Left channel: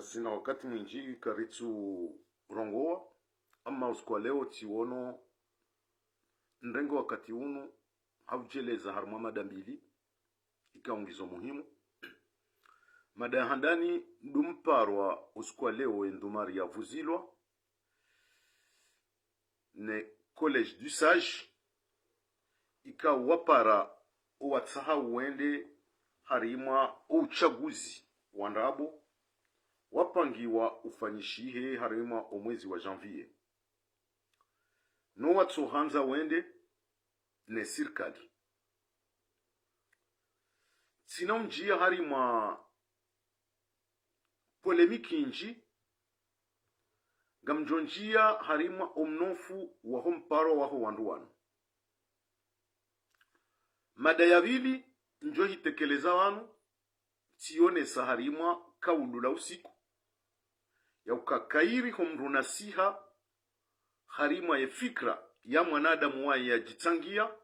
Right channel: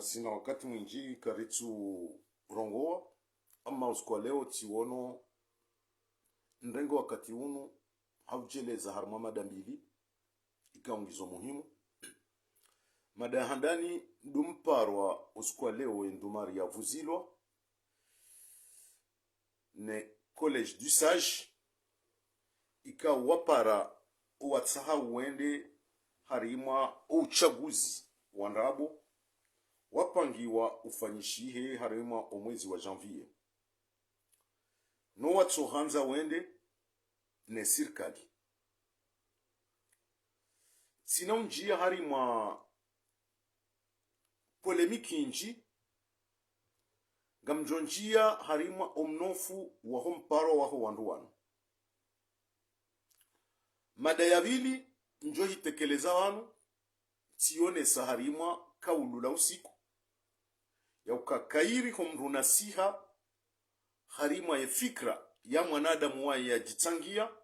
sina wakati mwinji karitsu rongoa ama usiku leo tiono ndengo wakati unu haujeleza harma mada mbili ikaongizo muhimu. Mada ya handani ndumparwa usiku leo endumari ya vuzilwa ne College du Sage ika wapara uwatsaha uende harima uchaguzi wandabo wapangiwa ufanyishihe harima omwezi wa janvier no watsohanza wende ne sirkali sina unjia harima polemiki inji gamjonjia harima omnofu wa homparo waho wanduwanu. Mada ya vili njo hitekeleza wanu tione saharima kaulula usiku ya ukakairi homru nasiha harima ya fikra ya mwanadamu wa ya jitangia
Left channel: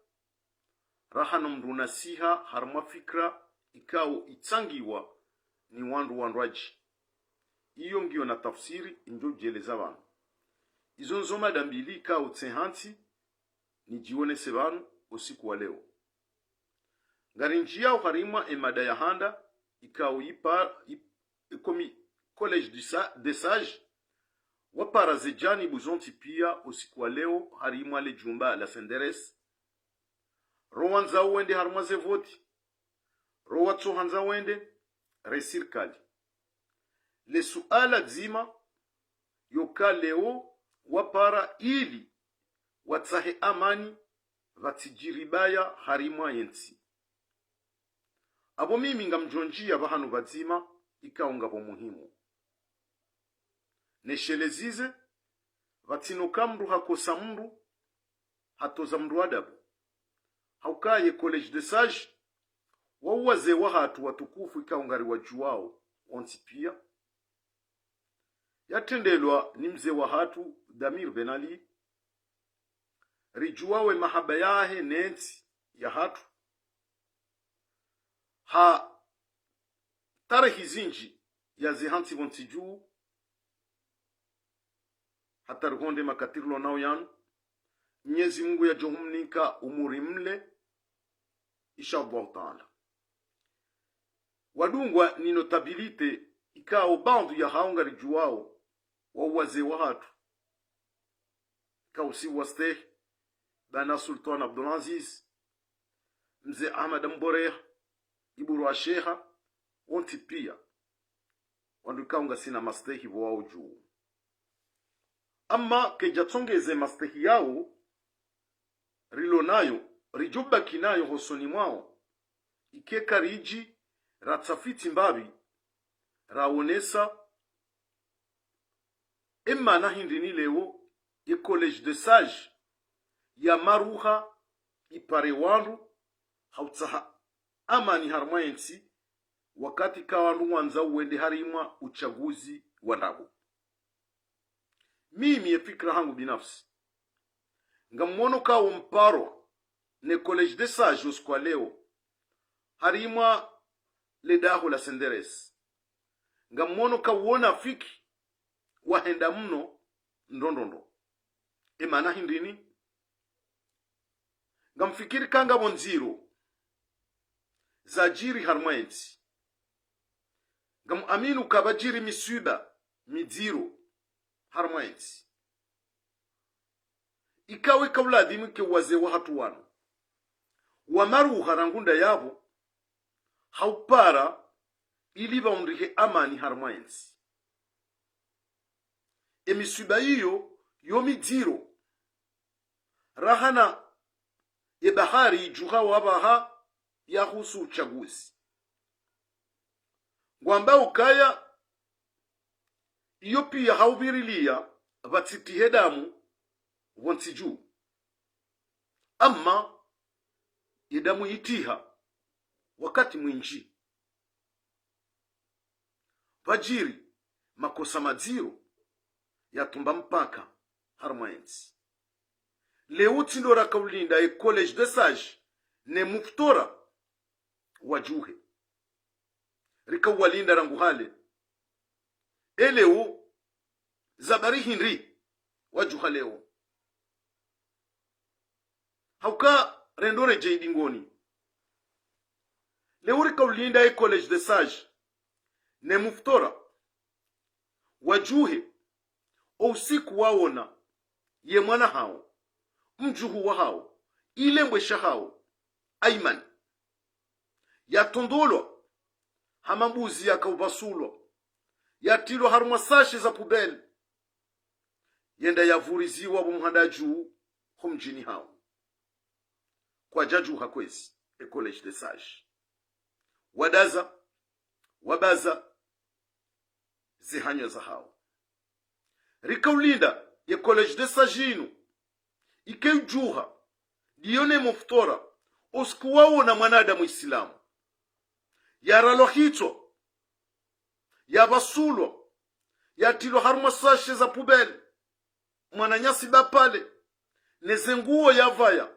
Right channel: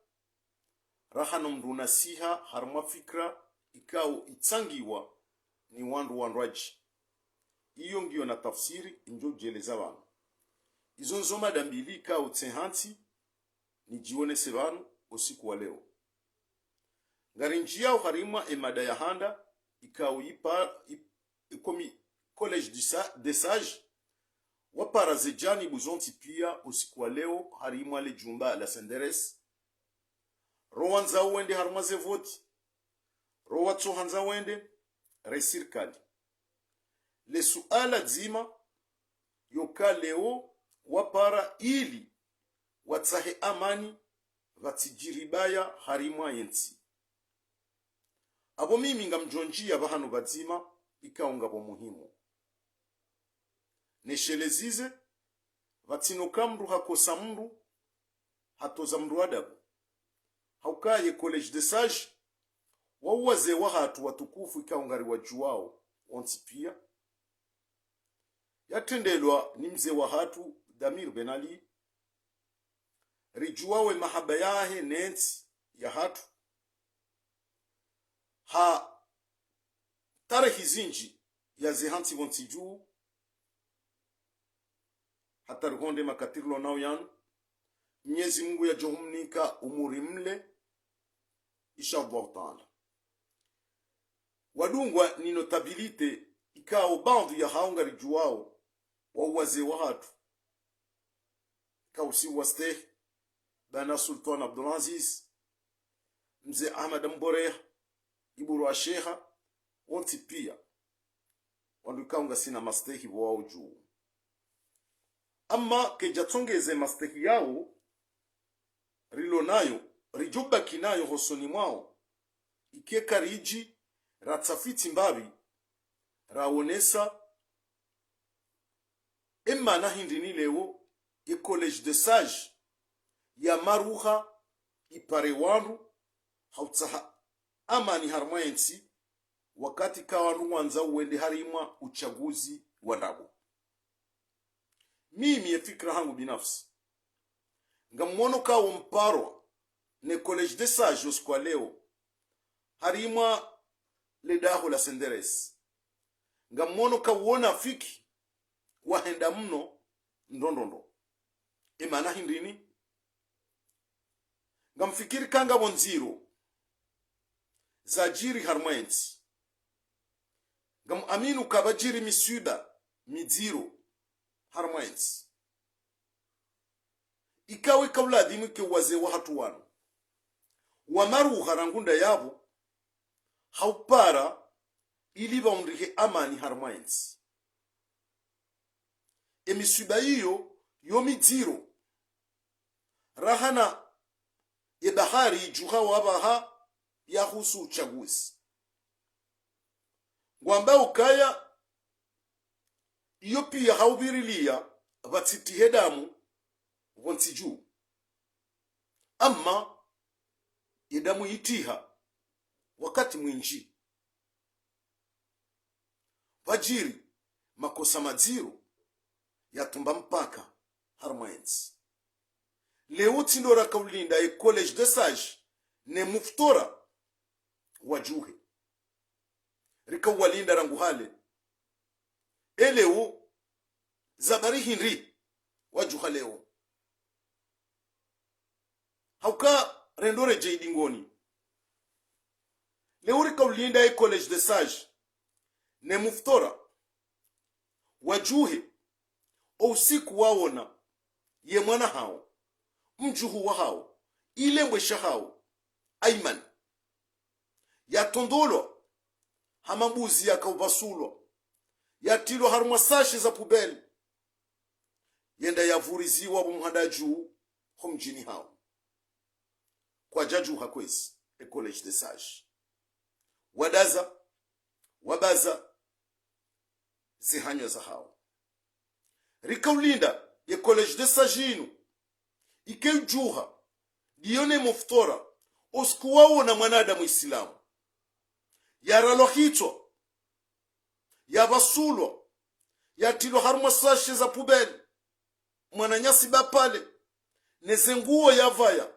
rahano mru nasiha harima fikra ikao itsangiwa ni wandu iyo ngiyo na tafsiri njo jeleza wanu. Izo nzo mada mbili ikao tsehanti ni jione sebanu usiku wa leo. Ngarinjia harima emada ya handa ikao ikomi College de Sage wapara zejani buzonti pia usiku wa leo harima le jumba la senderes rowanza wende harima ze voti rowatso hanza wende resirkali le suala dzima yoka leo wapara ili watsahe amani vatijiribaya harima yensi abo mimi ngamjonjia bahanu badzima ikaunga bo muhimu neshelezize vatinoka mndu hakosa mndu hatoza mndu adabu haukaye College de Sage wawaze wahatu watukufu ikaungari wajuwao onti pia yatendelwa ni mzee wa hatu Damir Ben Ali rijuwawe mahaba yahe nensi ya hatu ha tarehi zinji ya zehanti vonti juu hata ruhonde makatirlo nao yanu Mwenyezi Mungu ya johumnika umuri mle inshallah taala wadungwa ni notabilite ikao bandu ya haunga rijuwao wawaze wahatu kausi waste bana Sultan Abdulaziz mzee Ahmad Mboreha iburu wa sheha onti pia wandu kaunga sina mastehi wao juu ama kejatongeze mastehi yao rilo nayo rijuba kinayo hosoni mwao ikeka riji ratsafiti mbabi raonesa emma na hindini leo ye College de Sage ya maruha ipare wandu hautsaha amani harmayensi wakati kawandu wanza uende harima uchaguzi wandabo. Mimi ye fikra hangu binafsi ngamono kawo mparo ne College de Sage usikwa leo harima ledaho la senderes ngamono kawona fiki wahenda mno ndondondo emana hindini ngamfikiri kanga bonziro zajiri harmayensi ngam aminu kabajiri misuda midziro harmayensi ikawe kawla dimike waze wa hatu wanu wamaru harangunda yabo haupara ili baundike amani harmayensi emisuda iyo yomidziro rahana ye bahari juha wabaha ya husu uchaguzi ngwamba ukaya iyo pia haubirilia vatsiti hedamu wontiju ama yedamu itiha wakati mwinji vajiri makosa madziro yatumba mpaka harmayensi leo tindora kaulinda ye College de Sage ne muftora wajuhe rika walinda rangu hale eleo zabari hinri wajuha leo hauka rendore jeidingoni leuri kaulinda e college de sage ne muftora wajuhe usiku waona ye mwana hao mjuhu wa hao ile mbwesha hao Aiman yatondolwa hamambuzi yakaubasulwa yatilwa harumwa sashi za pubeli yenda yavuriziwa bumuhanda juu humjini hao kwa jaju hakwezi e college de sage wadaza wabaza zihanyo za hao rikaulinda ye college de sage inu ikeujuha dione muftora oskuwao na mwanadamu islamu yaralo hito yabasulwa yatilo harumwa sashe za pubeli mwananyasi bapale nezenguo yavaya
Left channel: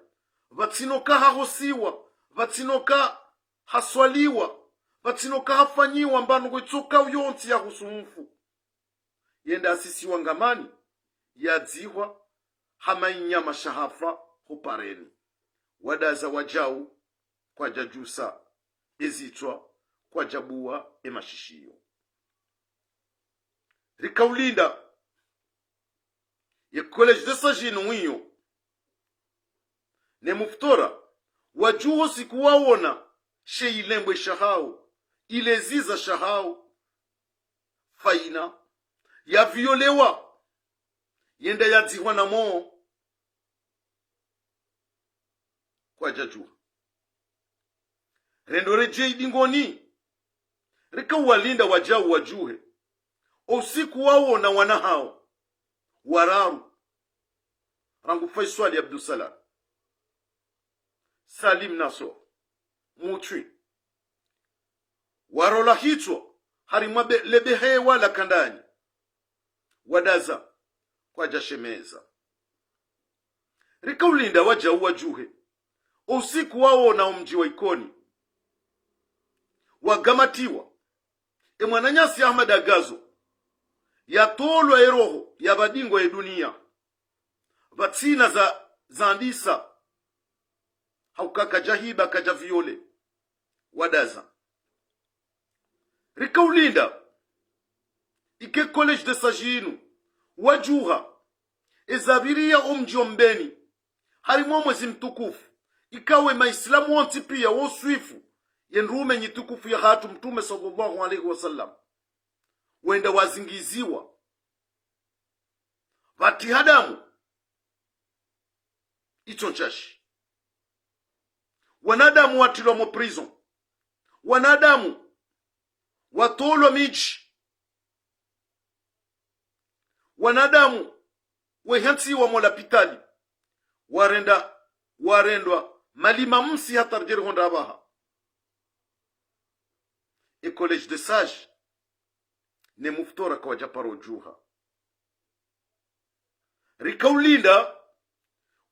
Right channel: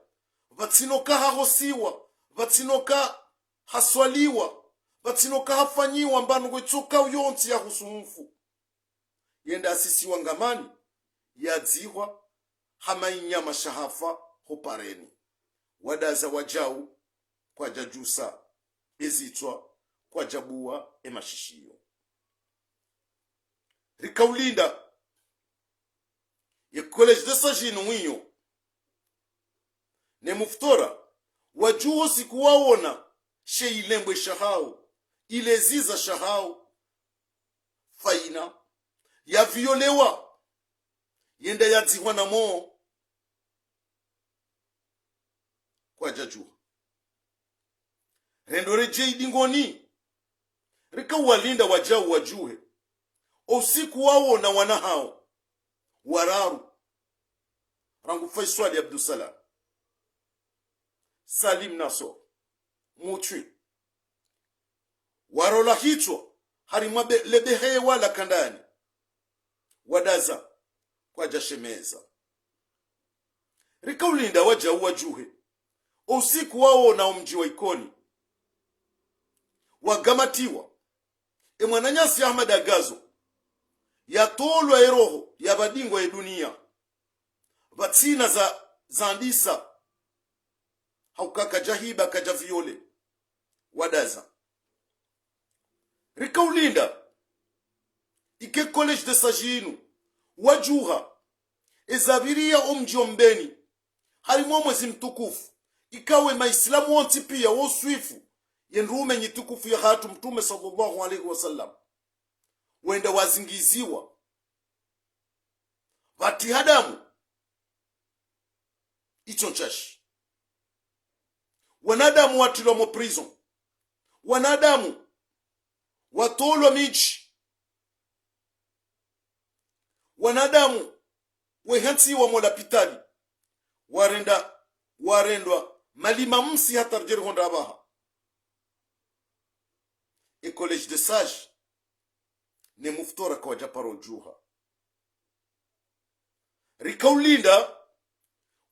vatinoka hahosiwa vatinoka haswaliwa vatinoka hafanyiwa mbanu gwechoka uyonti ya husumufu yenda asisiwa ngamani yadzihwa hamainyama shahafa hopareni wadaza wajau kwa jajusa ezitwa kwa jabua emashishiyo rikaulinda ye college de sage mwiyo ne muftora wajuho sikuwaona sheilembwe shahao ileziza shahao faina ya violewa yenda yadzihwa na moo kwa jajuha rendore jeidingoni rikauwalinda wajau wajuhe usiku wao na wana hao wararu rangu Faisal Abdusalam Salim Naso Mutwi warola hicho harimwa lebehe wala kandani wadaza kwa jashemeza rikaulinda wajau wajuhe usiku wao na umji wa ikoni wagamatiwa mwananyasi Ahmad Agazo yatolwa eroho ya badingo ya dunia vatsina za andisa haukaka jahiba kajaviole wadaza rikaulinda ike college de sage wajuha ezabiria omji ombeni harimwo mwezi mtukufu ikawe maislamu wonti pia woswifu yenrume nyitukufu ya hatu mtume sallallahu alaihi wasallam wenda wazingiziwa vati hadamu ichonchashi wanadamu watilwa mo prison wanadamu watolwa miji wanadamu wehantiwa mo lapitali warendwa malima msi hatarjeri honda abaha e college de sage ne muftora kwa japaro juha rikaulinda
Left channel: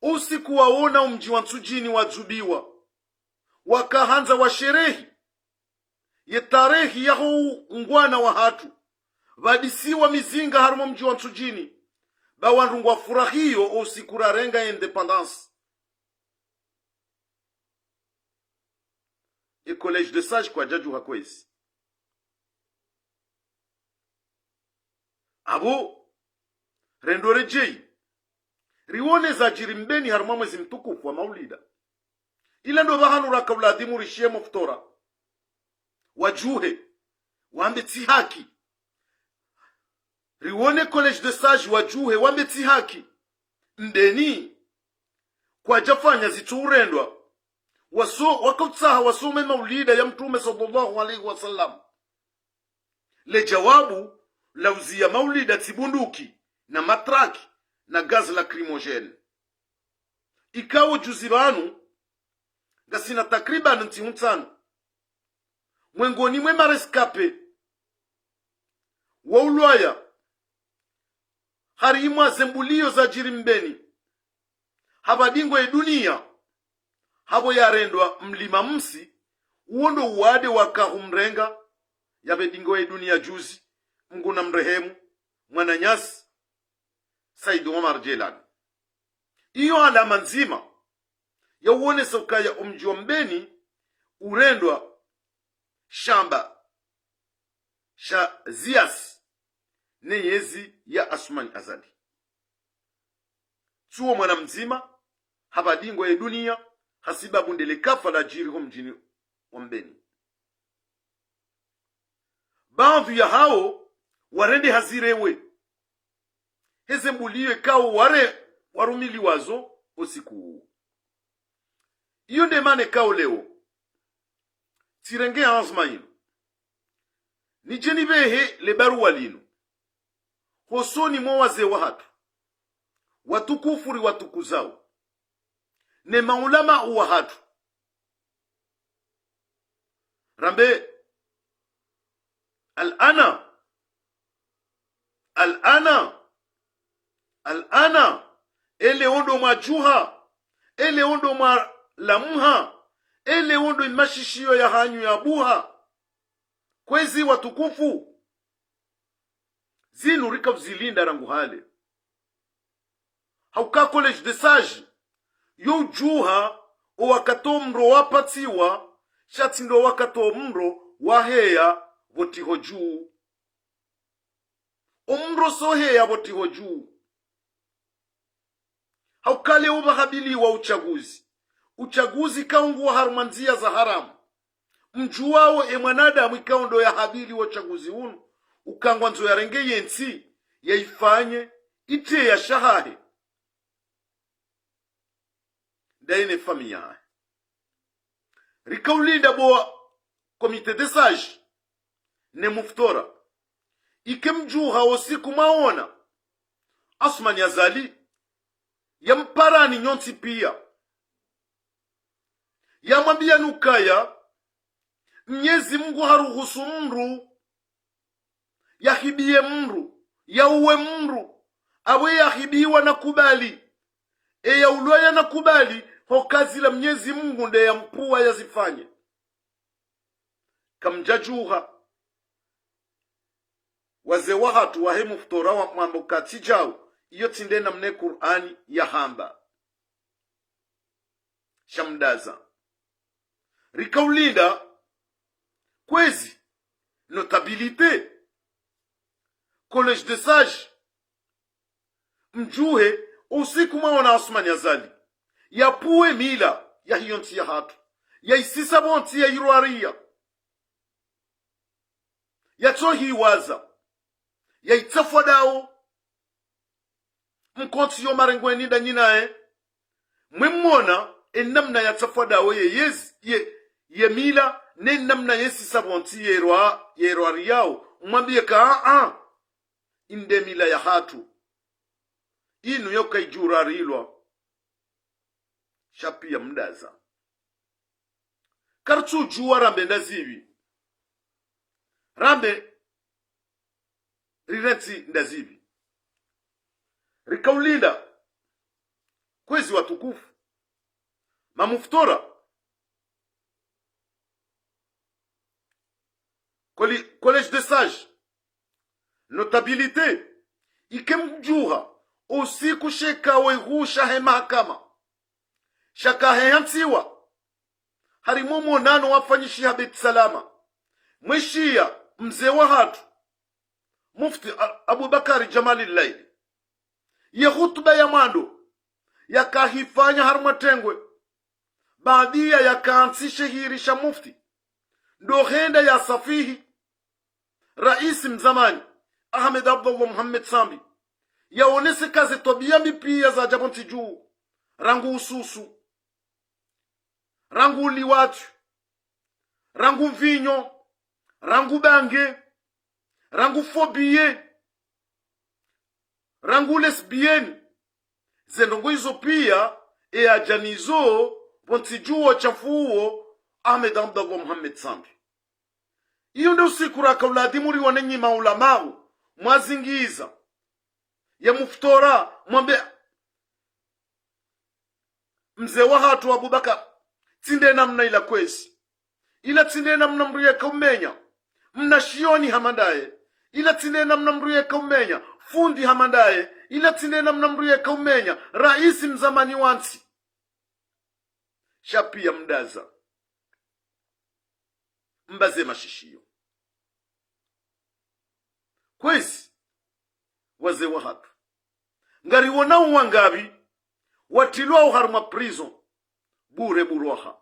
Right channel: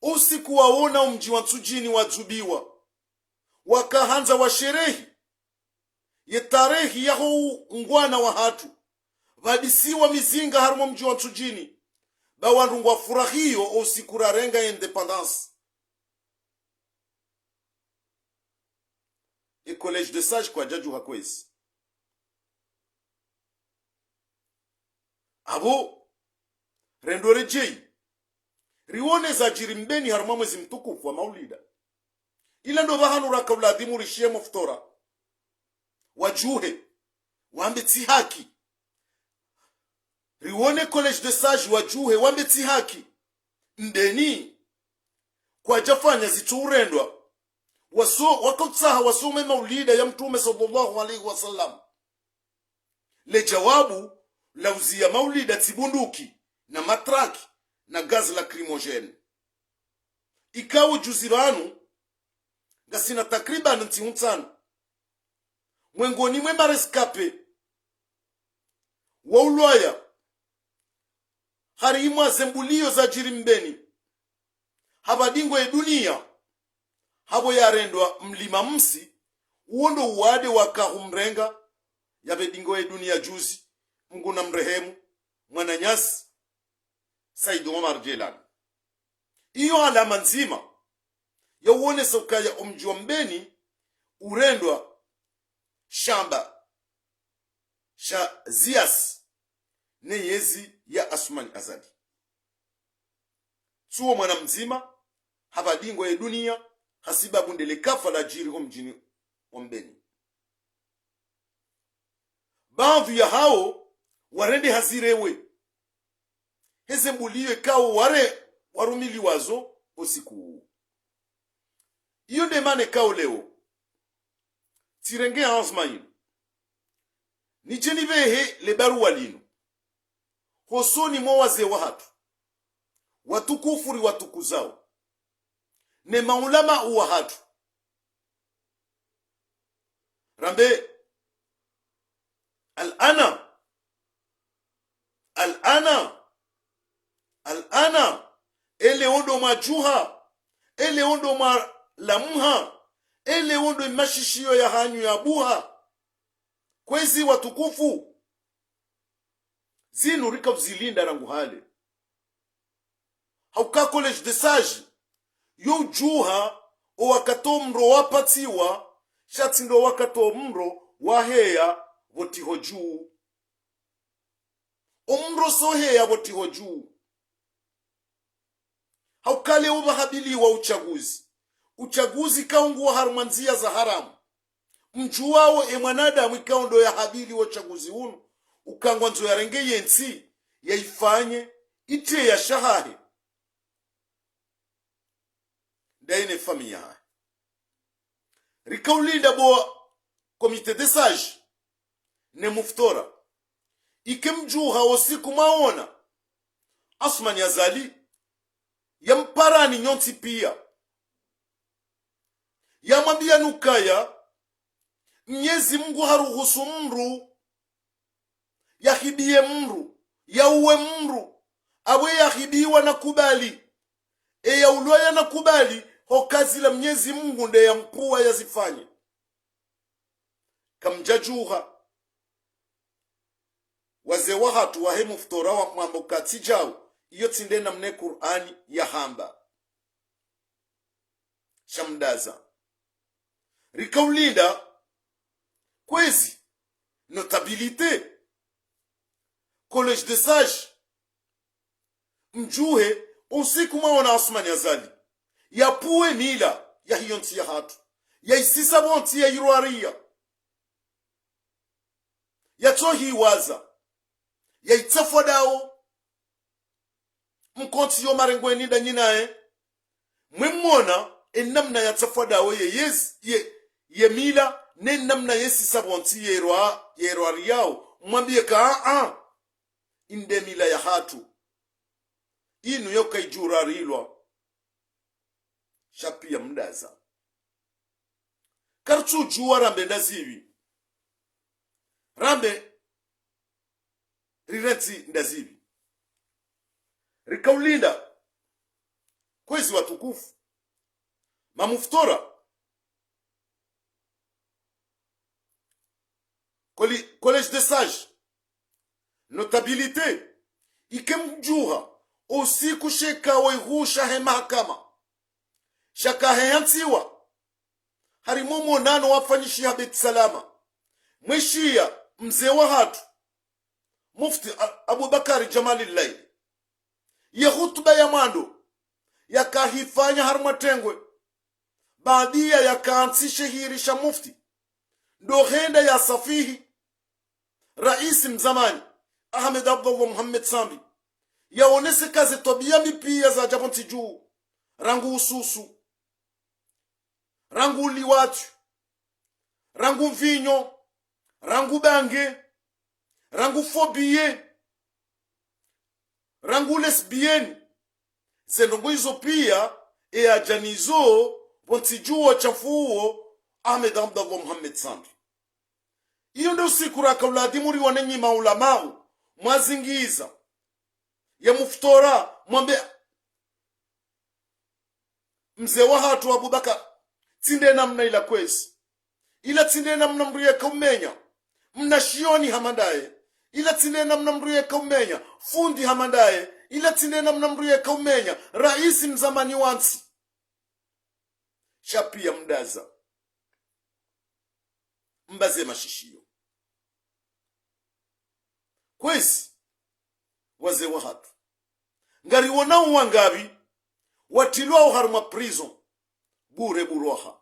usiku waona umji wa Nsujini wazubiwa wakahanza wa sherehi ye tarehi yaho ngwana wa hatu vadisiwa mizinga harimo mji wa Nsujini bawandungwa furahiyo usiku rarenga independence e college de sage kwa jaju hakwezi abo rendore jei riwone za jirimbeni haruma mwezi mtukufu wa maulida ila ndo bahanura kauladimu rishie muftora wajuhe wambeti haki riwone college de sage wajuhe wambeti haki ndeni kwa jafanya ziturendwa wakutsaha wasume maulida ya mtume sallallahu alaihi wasallam le jawabu lauzia maulida tibunduki na matraki na gazi lacrimogene ikawo juzibanu gasina takriban ntiuntano mwengoni mwe mareskape wa ulwaya harimwa zembulio za jirimbeni habadingo ya dunia habo yarendwa mlima msi uondo uwade wakahumrenga yabedingo ya dunia juzi mguna mrehemu mwananyasi Said Omar Jelani. Iyo alama nzima ya uonesa ukaya umji wa Mbeni urendwa shamba sha zias ne yezi ya Asumani Azali. Suo mwana mzima habadingo ya dunia hasiba bundele kafa la jiri ho mjini wa Mbeni. Baadhi ya hao warende hazirewe heze mbuliwe kao warumili wazo usiku. Iyo ndemane kao leo tirenge anzma ino nijeni behe le baruwa lino hosoni mwa waze wa hatu watukufuri watukuzao ne maulama uwa hatu rambe al'ana ele ondo majuha ele ondo ma lamha ele ondo imashishio ya hanyu ya buha kwezi watukufu zinu rika vzilinda rangu hale hauka college de sage yo juha o wakato mro wapatiwa shati ndo wakato mro waheya votiho juu omro soheya votiho juu haukale ubahabiliwa uchaguzi kaungu harumanzia za haramu mjuwao mwanadamu ikaundo ya habili wa uchaguzi unu ukangwa nzo ya renge yensi ya ifanye ite ya shahahe daine familia rikaulinda boa komite de sage ne muftora ikemjuha osiku maona Asumani Azali yamparani nyonti pia yamwambia nukaya Mwenyezi Mungu haruhusu mru yahibie mru yauwe mru awe yahibiwa na kubali ya ulwaya na kubali ho kazi la Mwenyezi Mungu nde ya mpua yazifanye kamjajuha waze wahatu wahemu futora wa mambo katijao iyo tinde na mne Qur'ani ya hamba shamdaza rikaulinda kwezi notabilite college de sage mjuhe usiku maona Asumani Azali yapuwe mila ya hiyonti ya hatu ya isisa bonti ya iruaria ya tohi waza ya itafwa dao mkonti yo marengweni da nyinae mwemona enamna ya tafwa dao ye mila ne namna yesi sabonti yeruari yao mwambie ka inde mila ya hatu inu yoka ijurarilwa shapi ya mdaza kartu juwa rambe ndazivi rambe rirenti ndazivi rikaulinda kwezi watukufu mamuftora college de sage notabilité ikemjuha usiku sheka wehusha he mahakama shaka hehantiwa harimo monano wafanyishi habit salama mwishia mzee wa hatu mufti Abubakari Jamalillahi ye hutuba ya mando yakahifanya harmatengwe baadia yakaanzishe hirisha mufti ndo henda ya safihi rais mzamani Ahmed Abdullah Muhammad Sambi yaonese kazi tobia mipia za jabonti juu rangu ususu rangu liwatu rangu vinyo rangu bange rangu fobie rangu lesbienne zenongo hizo pia ajanizo bonti juu chafuo Ahmed Abdullah Muhammad Sambi. Iyo ndio usiku rakauladi muri wanenyi maulamau mwazingiza ya muftora mwambe mzee wa hatu Abubakar tinde namna ila kwezi ila tinde namna mriye kumenya mna shioni hamandaye ila tinena mnamruye kaumenya fundi hamandaye ila tinena mnamruye kaumenya raisi mzamani wansi shapia mdaza mbaze mashishio kwezi waze wahatu ngari wonao wangabi watilwa uharuma prison bure buroha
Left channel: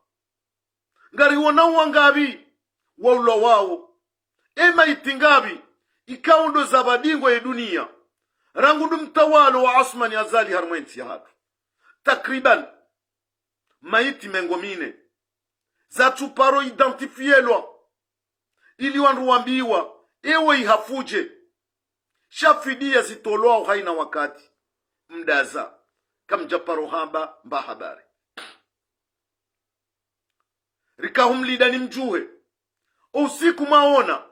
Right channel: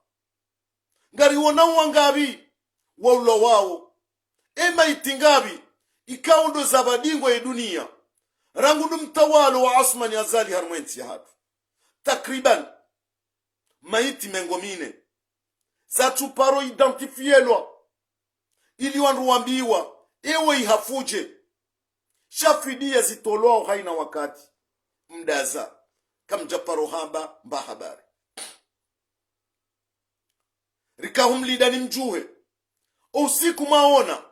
ngari wonao wangabi waulo wao ema itingabi ikaundo za badingo ya dunia rangundu mtawalo wa Osman Azali harmwensi hatu takriban maiti mengomine za tuparo identifielwa ili wanruambiwa ewe ihafuje shafidia zitolwao haina wakati mdaza kamjaparo hamba mba habari rikahumlida ni mjuhe usiku maona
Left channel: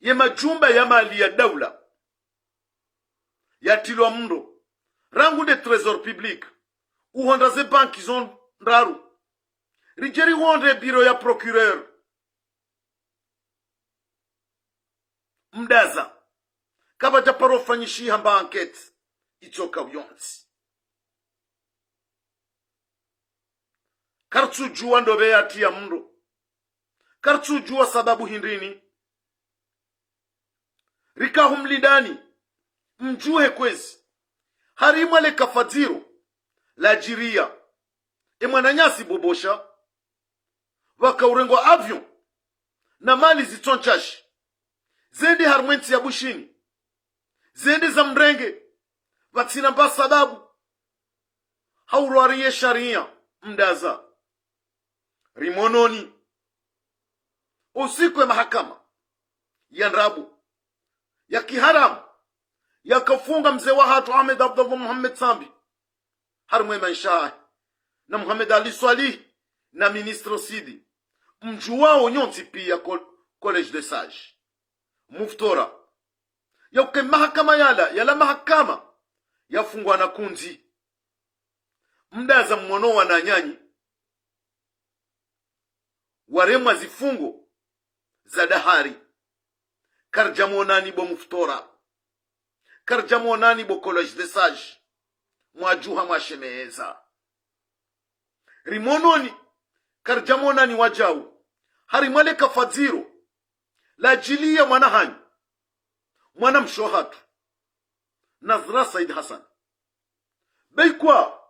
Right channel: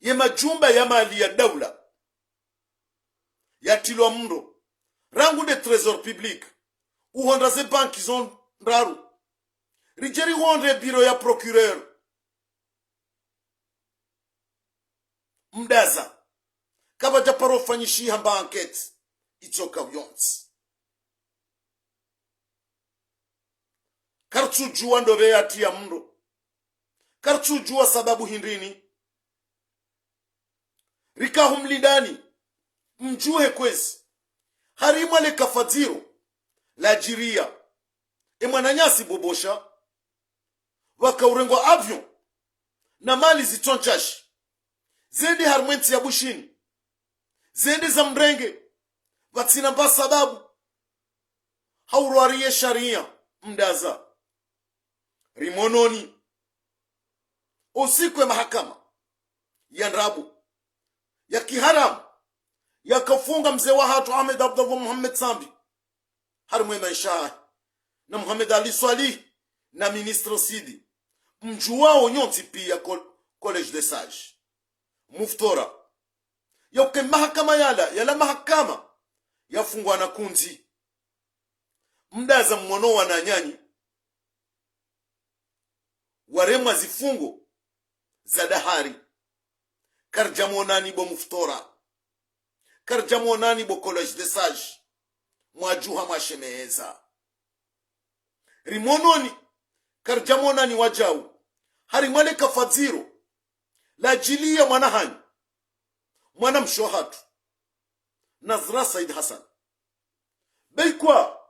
ye majumba ya mali ya daula yatilwa mro rangu de trésor public uhonda ze banki zon ndaru rijeri honde biro ya procureur mdaza kaba japaro fanyishi hamba enquête itoka uyonsi kartu juwa ndobe yatia mro kartu juwa sababu hindrini rikahumlidani mjuhe kwezi harimwa le kafadziro la jiria emwananyasi bobosha wakaurengwa avion na mali zitonchashi zende harmwensi ya bushini zende za mrenge vatsina mba sababu haurwariye sharia mdaza rimononi usiku ya mahakama ya nrabu ya kiharamu yakafunga mzee wa hatu Ahmed Abdullah Muhammad Sambi harmwe maisha na Muhammad Ali Swalih na ministro Sidi mjuwao nyonti pia college de sage muftora yauke mahakama yala mahakama yafungwa na kunzi mdaza mwono wa nanyanyi waremwa zifungo za dahari karjamonani bo muftora karjamonani bo college de sage mwajuha mwashemeza rimononi karjamonani wajau harimwale kafadziro la jilia mwanahanyi mwana mshohatu Nazra Said Hassan beikwa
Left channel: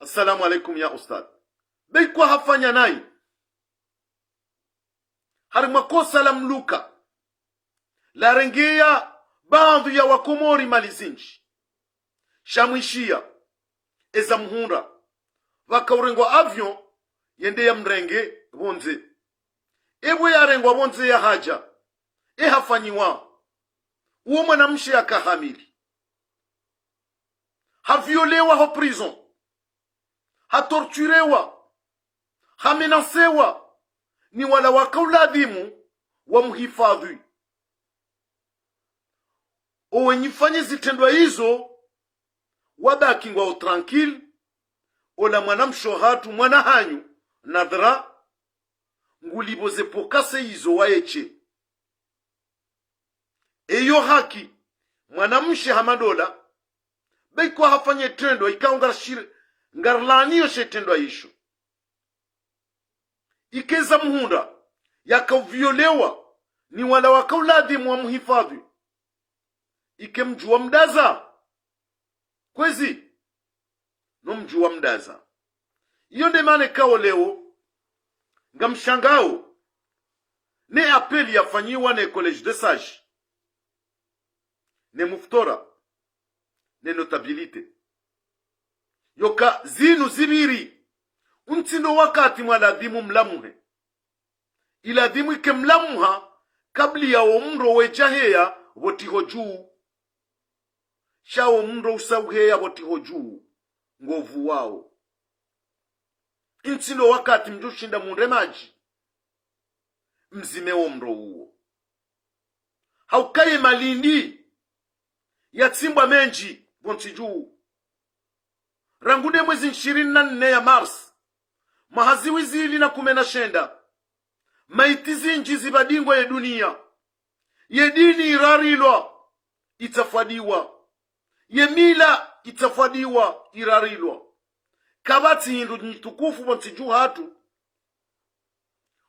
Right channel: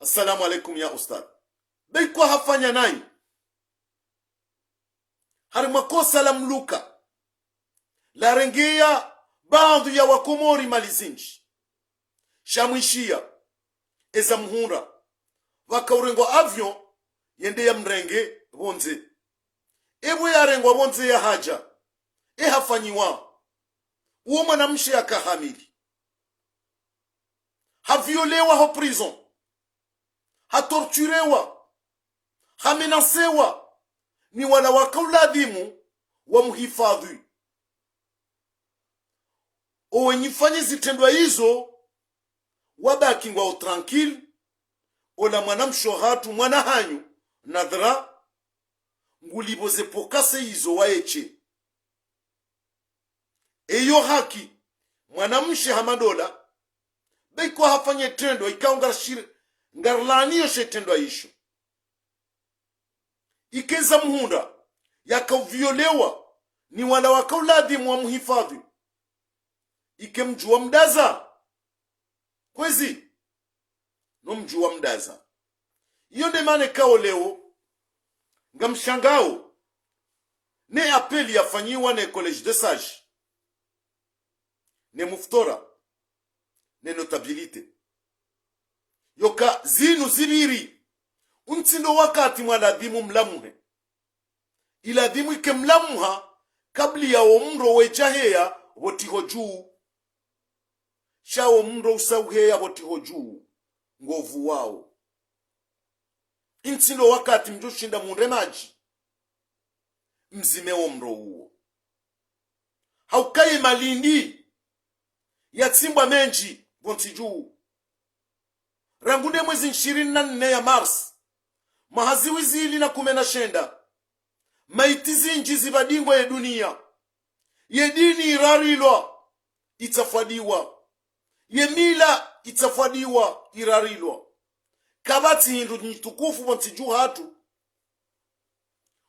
assalamu alaikum ya ustad beikwa hafanya nai harimakosa la mluka la rengea bandu ya wakomori malizinji shamwishia eza mhunda wakaurengwa avion yende ya mrenge bonze ewe ya rengwa bonze ya haja hafanyiwa uo mwanamshe akahamili haviolewa ho prison hatorturewa hamenasewa ni wala wakauladimu wa mhifadhi owenyifanye zitendwa hizo wabaki ngwa tranquille ola mwanamsho hatu mwana hanyu nadra nguliboze pokase hizo waeche eyo haki mwanamshe hamadola beiko hafanye tendo ikaungarashire ngarlaniyo shetendo isho ikeza mhunda yakaviolewa ni wala wakauladi mwa muhifadhi ikemjua mdaza kwezi no mjua mdaza iyo ndemane kao leo ngamshangao ne apeli yafanyiwa ne college de sage ne muftora ne notabilite yoka zinu zibiri untindo wakati mwaladhimu mlamuhe iladhimu ike mlamuha kabli ya omro wejaheya wotiho juu sha omro usauheya wotiho juu ngovu wao intindo wakati mjushinda muremaji mzime omro uo haukaye malindi yatsimbwa menji bonti juu rangune mwezi 24 ya Mars mahaziwi zili na 19 maiti zinji zibadingwa ya dunia ye dini irarilwa itafadiwa, ye mila itafadiwa irarilwa. Kabati hindu nitukufu montiju hatu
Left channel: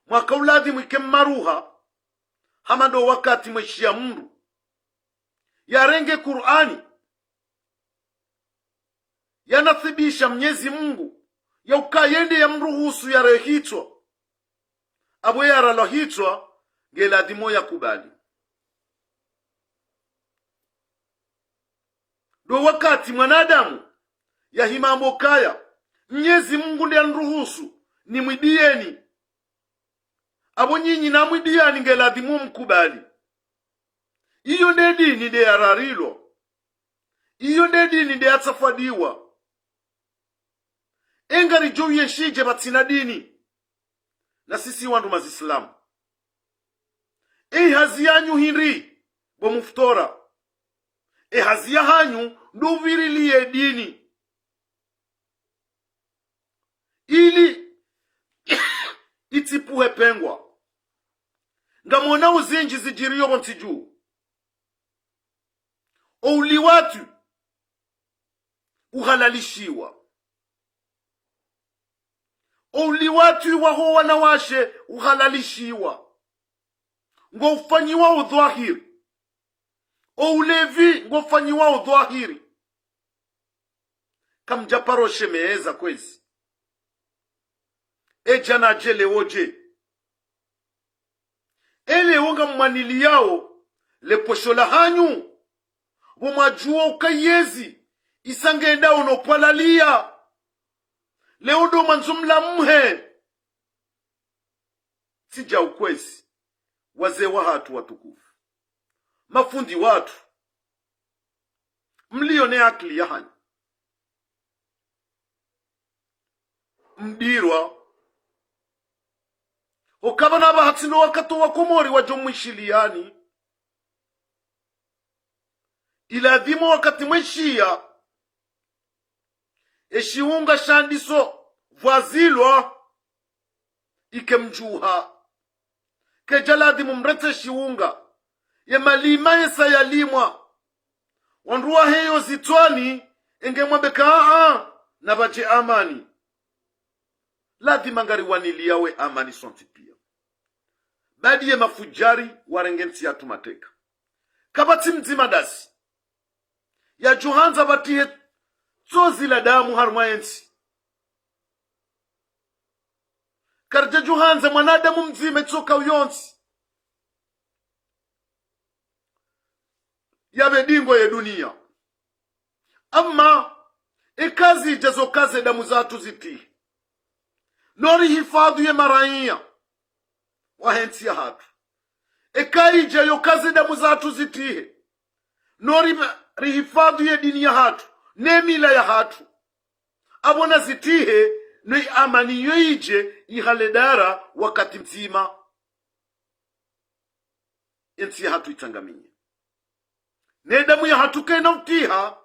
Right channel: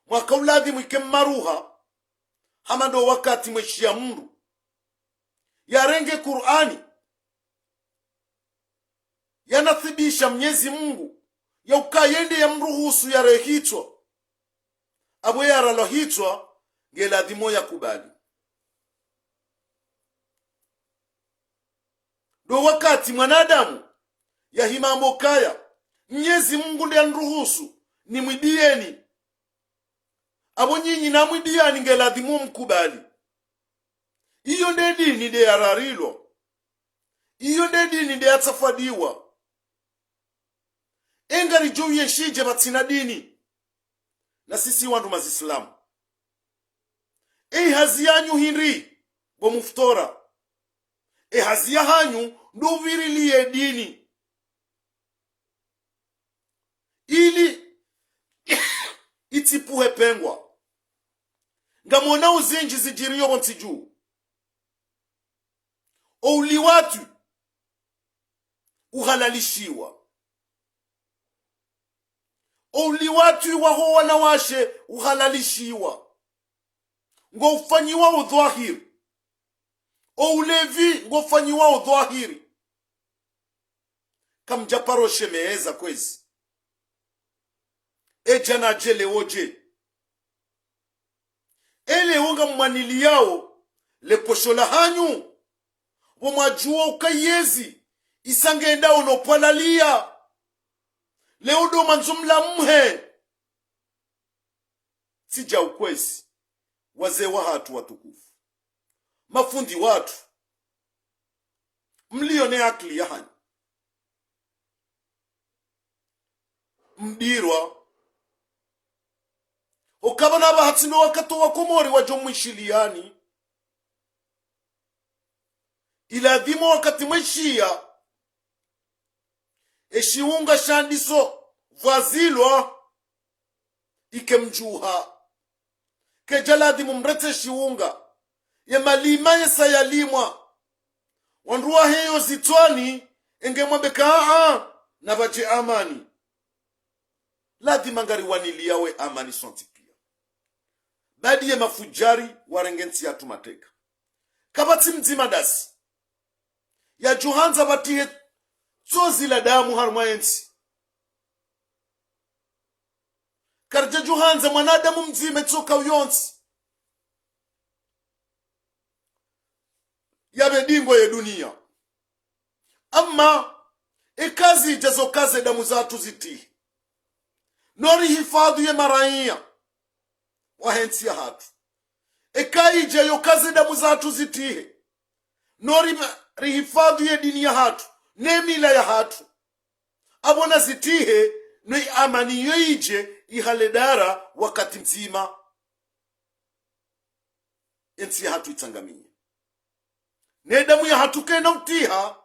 mwaka uladi mwike maruha hamando wakati mweshia mundu yarenge Qur'ani yanathibisha Mwenyezi Mungu ya ukayende ya mruhusu ya rehitwa abwe ya ralohitwa ngeladimo ya kubali. Do wakati mwanadamu ya himambo kaya Mwenyezi Mungu ndiye anruhusu ni mwidieni abo nyinyi na mwidiani ngeladimo mkubali. Iyo nde dini de ararilwa, iyo nde dini de atafadiwa. Engari jo yeshije batina dini na sisi wandu mazislamu hazi yanyu hinri bo muftora hazi ya hanyu ndoviriliye dini ili itipuhe pengwa ngamona uzinji zijiriyo bontiju ouli watu uhalalishiwa, ouli watu waho wanawashe uhalalishiwa, ngo ufanyiwa udhahiri, oulevi ngo ufanyiwa udhahiri. Kamjaparo shemeeza kwezi jana jele oje ele wonga mwanili yao leposhola hanyu womajua ukayezi isangenda unopalalia leo do manzumla mhe sija ukwezi wazee wa hatu watukufu mafundi watu mlione akili ya hanyu mdirwa ukabana bahatsino wakati wakomori wajomwishiliani iladhimo wakati mwishia eshiunga shandiso vwazilwa ikemjuha kejaladhimu mrete shiunga ye malima yesa yalimwa wanruwa heyo zitwani engemwambeka na baje amani ladhima ngari waniliyawe amani sonti pia badi ye mafujari warengenti ya tumateka kabati mzima dasi ya juhanza batihe sozi la damu harmayensi karja juhanza mwanadamu mzime tsoka uyonsi yabe dingo ye dunia amma ekazi jazo kaze damu zatu ziti nori hifadhi ye maraia wahensi ya hatu ekari jayo kaze damu zatu zitihe nori rihifadhi ye dini ya hatu nemila ya hatu abona zitihe ni amani yoije ihaledara wakati mzima ensi ya hatu itangamie nedamu ya hatu kena mtiha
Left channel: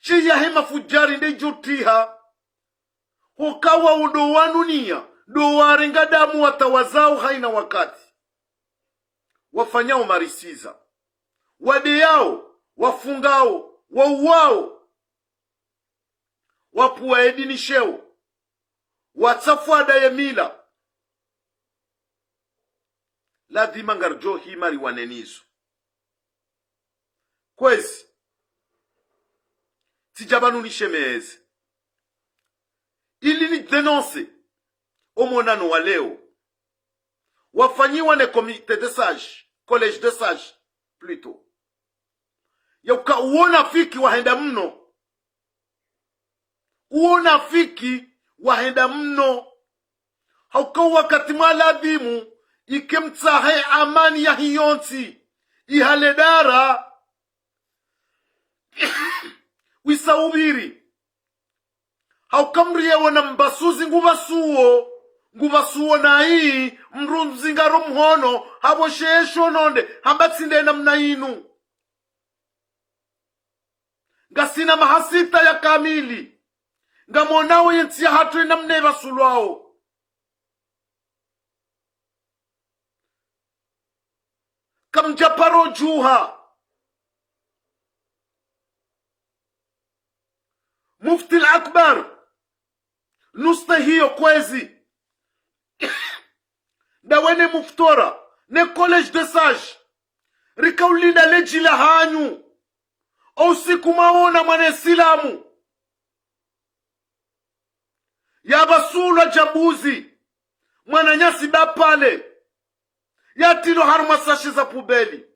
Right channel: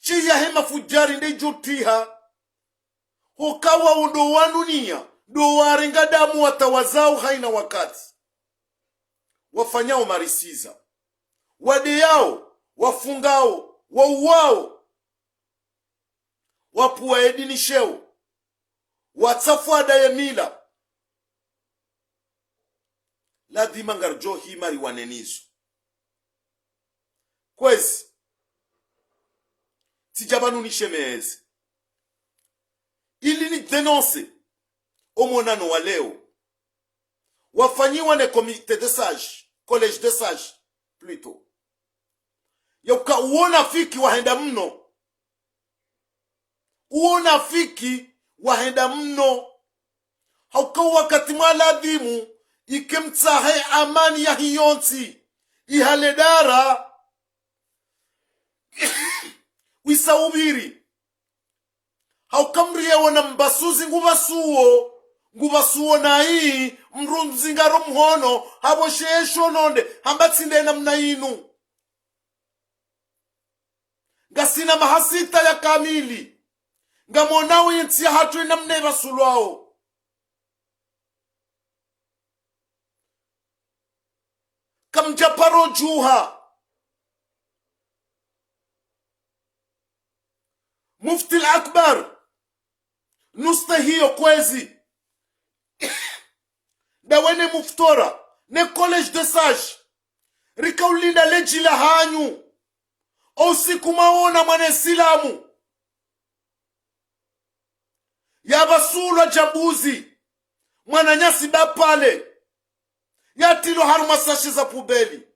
shi ya hema fujari nde jotiha hokawa undo wanunia do warenga damu watawazao haina wakati wafanyao marisiza wadeyao wafungao wauwao wapuwa edinisheo watsafuada ya mila ladhima ngarjo himari wanenizo kwezi tijabanu nishemeeze ili ni denonse omonano wa leo wafanyiwa ne comité de sage collège de sage plutôt yauka uona fiki wahenda mno uona fiki wahenda mno hauka wakati mwaladhimu ikemtsahe amani ya hiyonsi ihaledara wisaubiri haukamriye wana mbasuzi ngubasuo na hii mrunzingaro mhono habo sheesho nonde hambatsinde na mnainu ngasina mahasita ya kamili ngamonawe yensi ya hatu ina mneva sulwao kamjaparo juha mufti al-akbar nusta hiyo kwezi dawene muftora ne college de sage rikaulinda leji la hanyu usiku maona mwane silamu ya basula jambuzi mwana nyasi bapale ya tilo haruma sashi za pubeli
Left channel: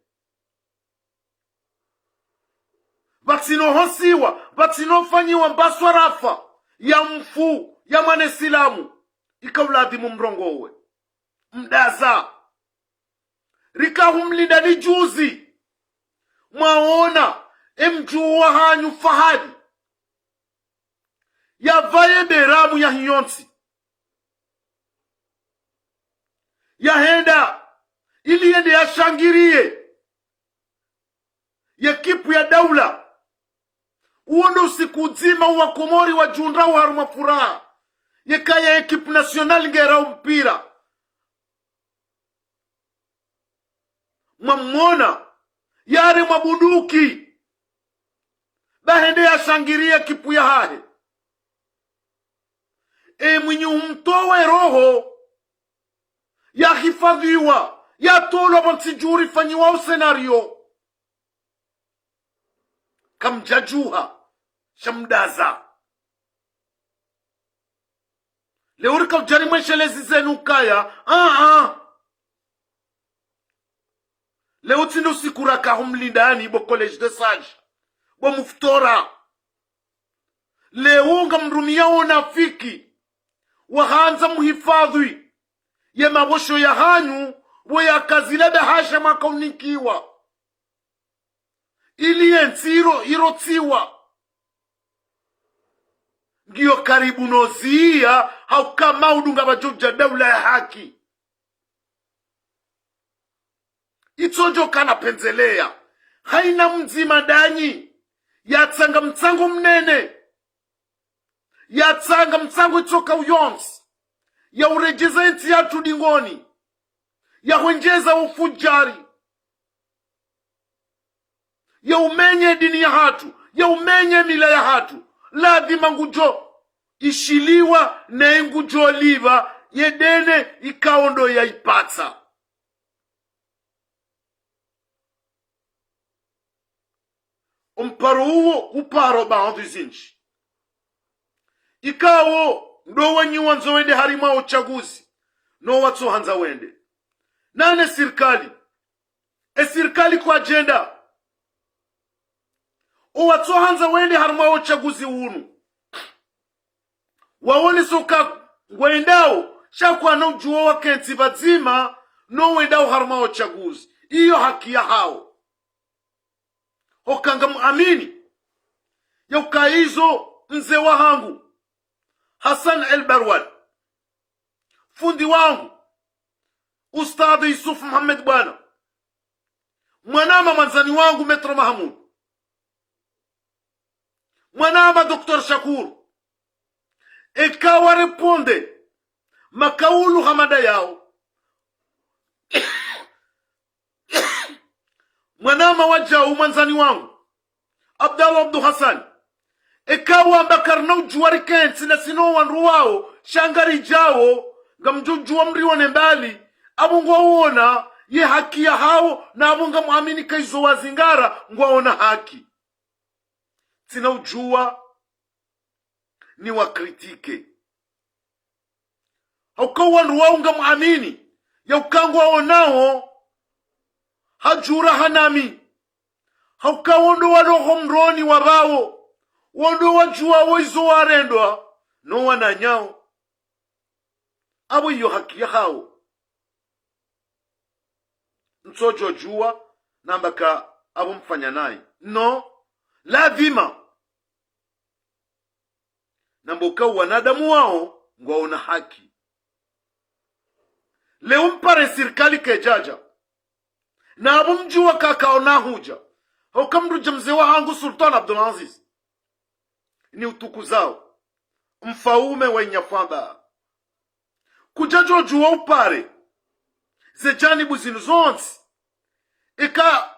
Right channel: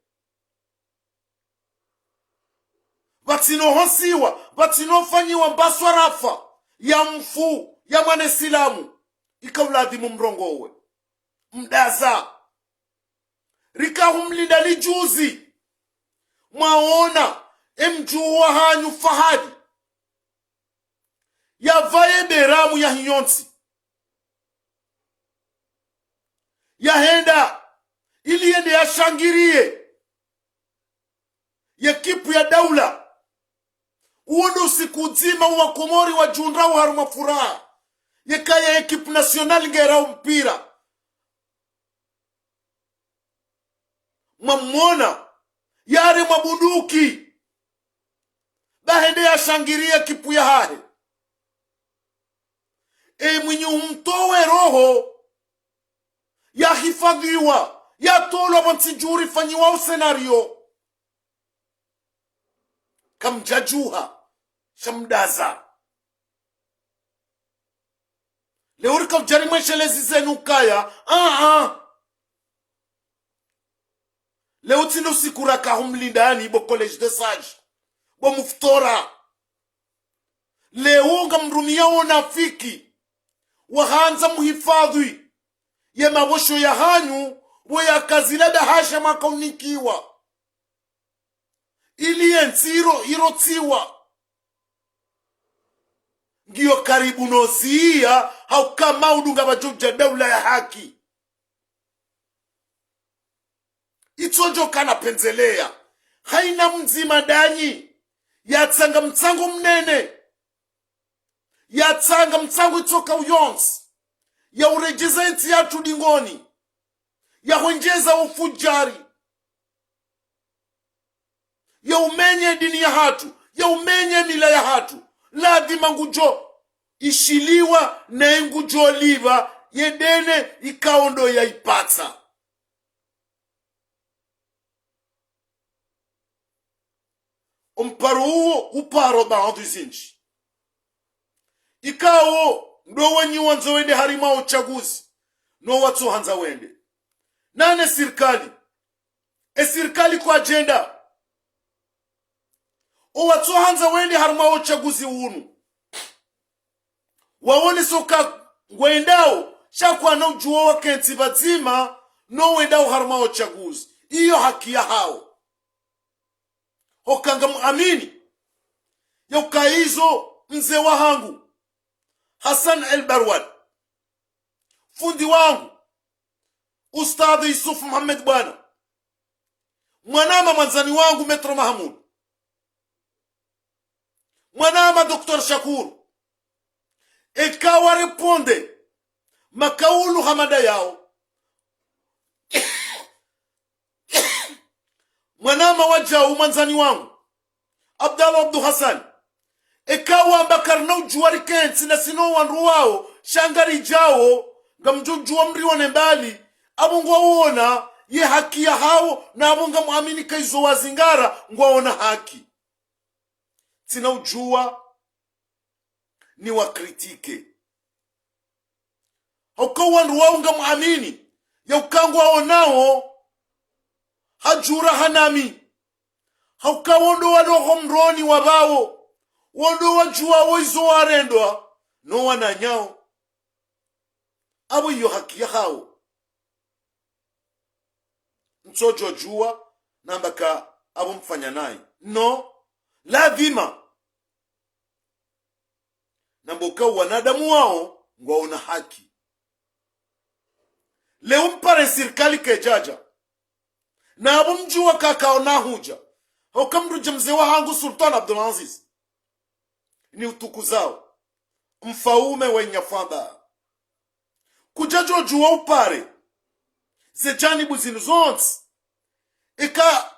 vatsino hosiwa vatsino fanyiwa mbaswa rafa ya mfu ya mwane silamu ikauladimu mrongowe mdaza rikahumlinda lijuzi mwaona emjuwa hanyu fahadi ya vaye beramu ya hiyonsi ya henda ili yende ya shangirie ya kipu ya daula uondo usiku zima uwa komori wa junrau haruma furaha yekaya ekipu nasionali ngerau mpira mamona yare mabunduki bahende ya shangiria kipu ya hahe mwenye umtowe roho ya hifadhiwa ya tolo bansijuri fanyiwa senario kamjajuha shamdaza leurika ujarimweshe lezi zenu kaya leo tino sikuraka humlindani bo college de sage bo muftora leo ngamrumia onafiki wahanza muhifadhi ye mabosho ya hanyu wo ya kazila da hasha makaunikiwa ili ensiro irotiwa ngiyo karibu nozia haukama udunga bajogja daula ya haki itonjo kana penzelea haina mzima danyi yatsanga mtsango mnene yatsanga mtsango itoka uyonsi ya urejeza enti yatu dingoni ya huenjeza ufujari ya umenye dini ya hatu ya umenye mila ya hatu ladhima ngujo ishiliwa na ngujo liva yedene ikaondo ya ipata umparo huo uparo baadhi zinchi ikawo ndo wenyi wanzo wende harima uchaguzi no watu hanza wende nane sirikali kwa agenda o watu hanza wende harima uchaguzi unu waone soka ngwendao shakwa na ujuwa wa kenti bazima no wendao harima uchaguzi iyo haki ya hao hokanga muamini ya ukaizo mze wa hangu Hassan El-Barwad fundi wangu Ustadhi Yusuf Muhammad bwana mwanama manzani wangu Metro Mahmud mwanama Dr. Shakur ikawa reponde makaulu hamada yao mwanama wajau manzani wangu Abdallah Abdu Hassan ikawa mbakarna ujuwari kensi na sino wanru wao shangari jao ngamjujuwa mrione mbali abungwa uona ye haki ya hao na abunga muamini kaizo wazingara ngwaona haki tina ujuwa ni wakritike hauka wanru wao nga muamini ya ukangwa onao hajura hanami hauka wondo waloho mroni wabao wondo wajua woizo warendwa no wananyao abo iyo haki ya hao mtojo jua nambaka abo mfanya naye no ladhima namboka wanadamu wao ngwaona haki leo mpare sirikali kejaja na abo mjua kakaona huja haukamruja mzee wa hangu Sultan Abdulaziz ni utuku zao mfaume wa inyafamba kujajo juwa upare ze janibu zinu zonti eka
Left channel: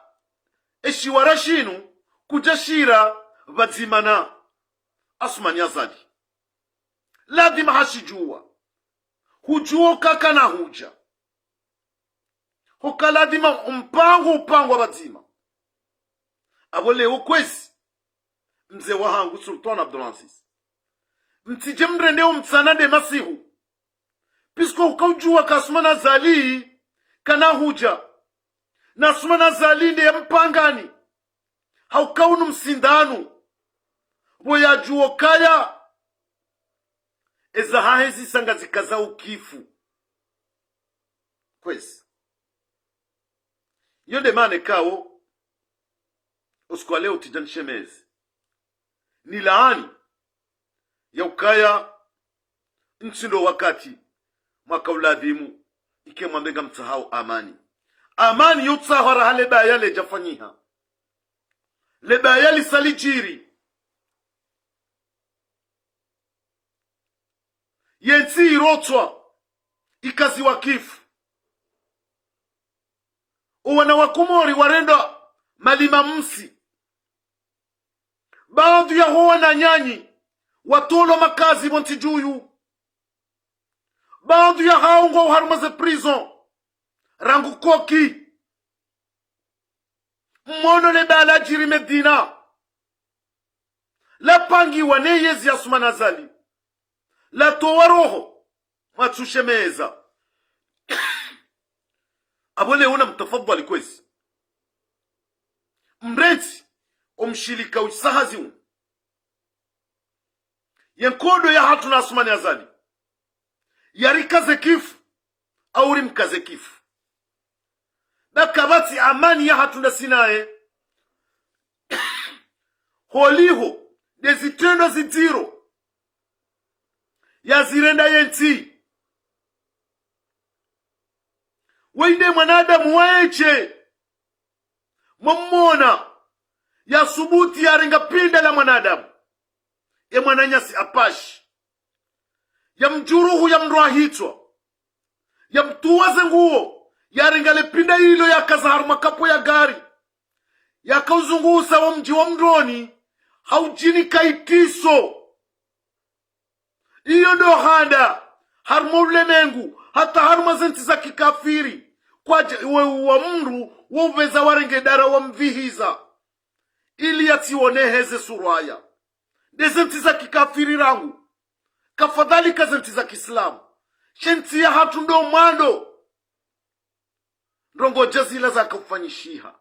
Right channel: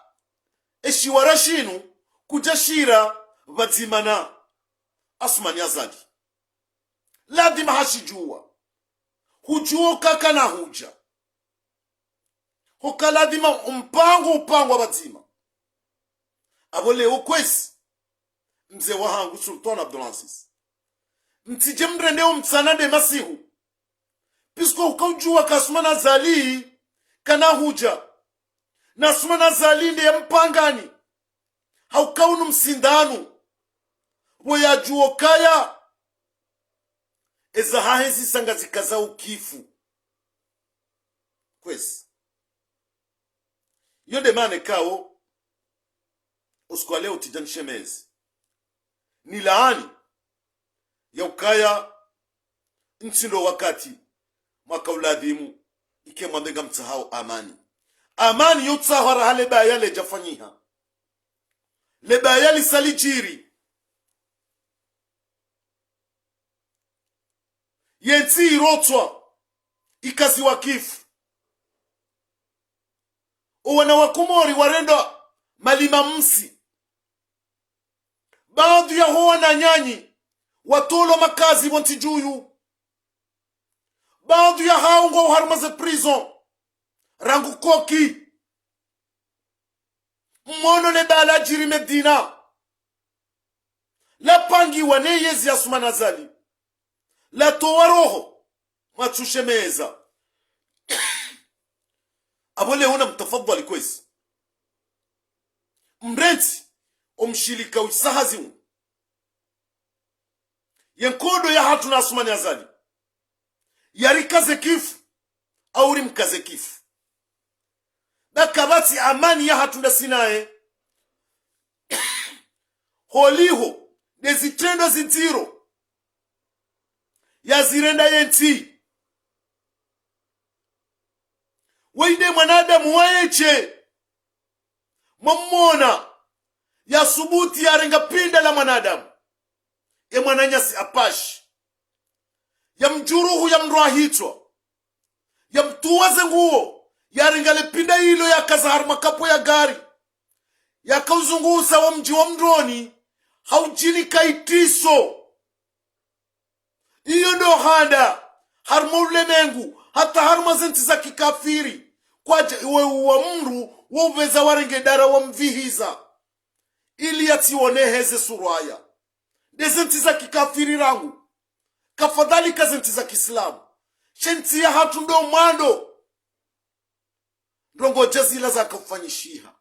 eshiwara shinu kujashira vadzimana Asmani Azali ladima hashijua hujuo kaka na huja hoka ladima mpango vadzima abo leo kwezi mzee wahangu Sultan Abdulaziz mtije mrendeo mtsanade masihu pisko ukaujua ka Asmani Azali kana huja na Asmani Azali ndiye mpangani haukaunu msindanu boya juo kaya eza hahezi sanga zikaza ukifu kwezi yonde mane kao uskwa leo tijanshemezi ni laani ya ukaya ntsindo wakati mwaka uladhimu ike mwandenga mtsahau amani yutsahara hale baya le jafanyiha le baya li salijiri yensi irotwa ikazi wakifu uwana wakumori warenda malima msi baadhi ya hoa na nyanyi watolo makazi montijuyu baadhi ya haungo uharumaze prison rangu koki mmono le bala jiri medina la pangi wane yezi ya Asmani Azali la towa roho matsushemeza abole una mtafadhali kwezi mreti omshilika usahazi yenkodo ya hatu na Asmani Azali yarikaze kifu au rimkaze kifu nakabati amani ya hatu na sinae holiho dezitendo zitiro ya zirenda yenti weide mwanadamu waeche mmona ya subuti ya renga pinda la mwanadamu ya mwananyasi apashi ya mjuruhu ya mruahitwa ya mtuwaze nguo ya renga le pinda hilo ya kazaharu makapo ya gari ya kauzungusa wa mji wa mdroni haujini kaitiso iyo ndo handa harma ulemengu hata harma zenti za kikafiri kwa wa mru woveza warenge dara wa mvihiza ili yationeheze suraya dezenti za kikafiri rangu kafadhali kazenti za kiislamu shenti ya hatu ndo mwando ndongo jazila za kufanyishiha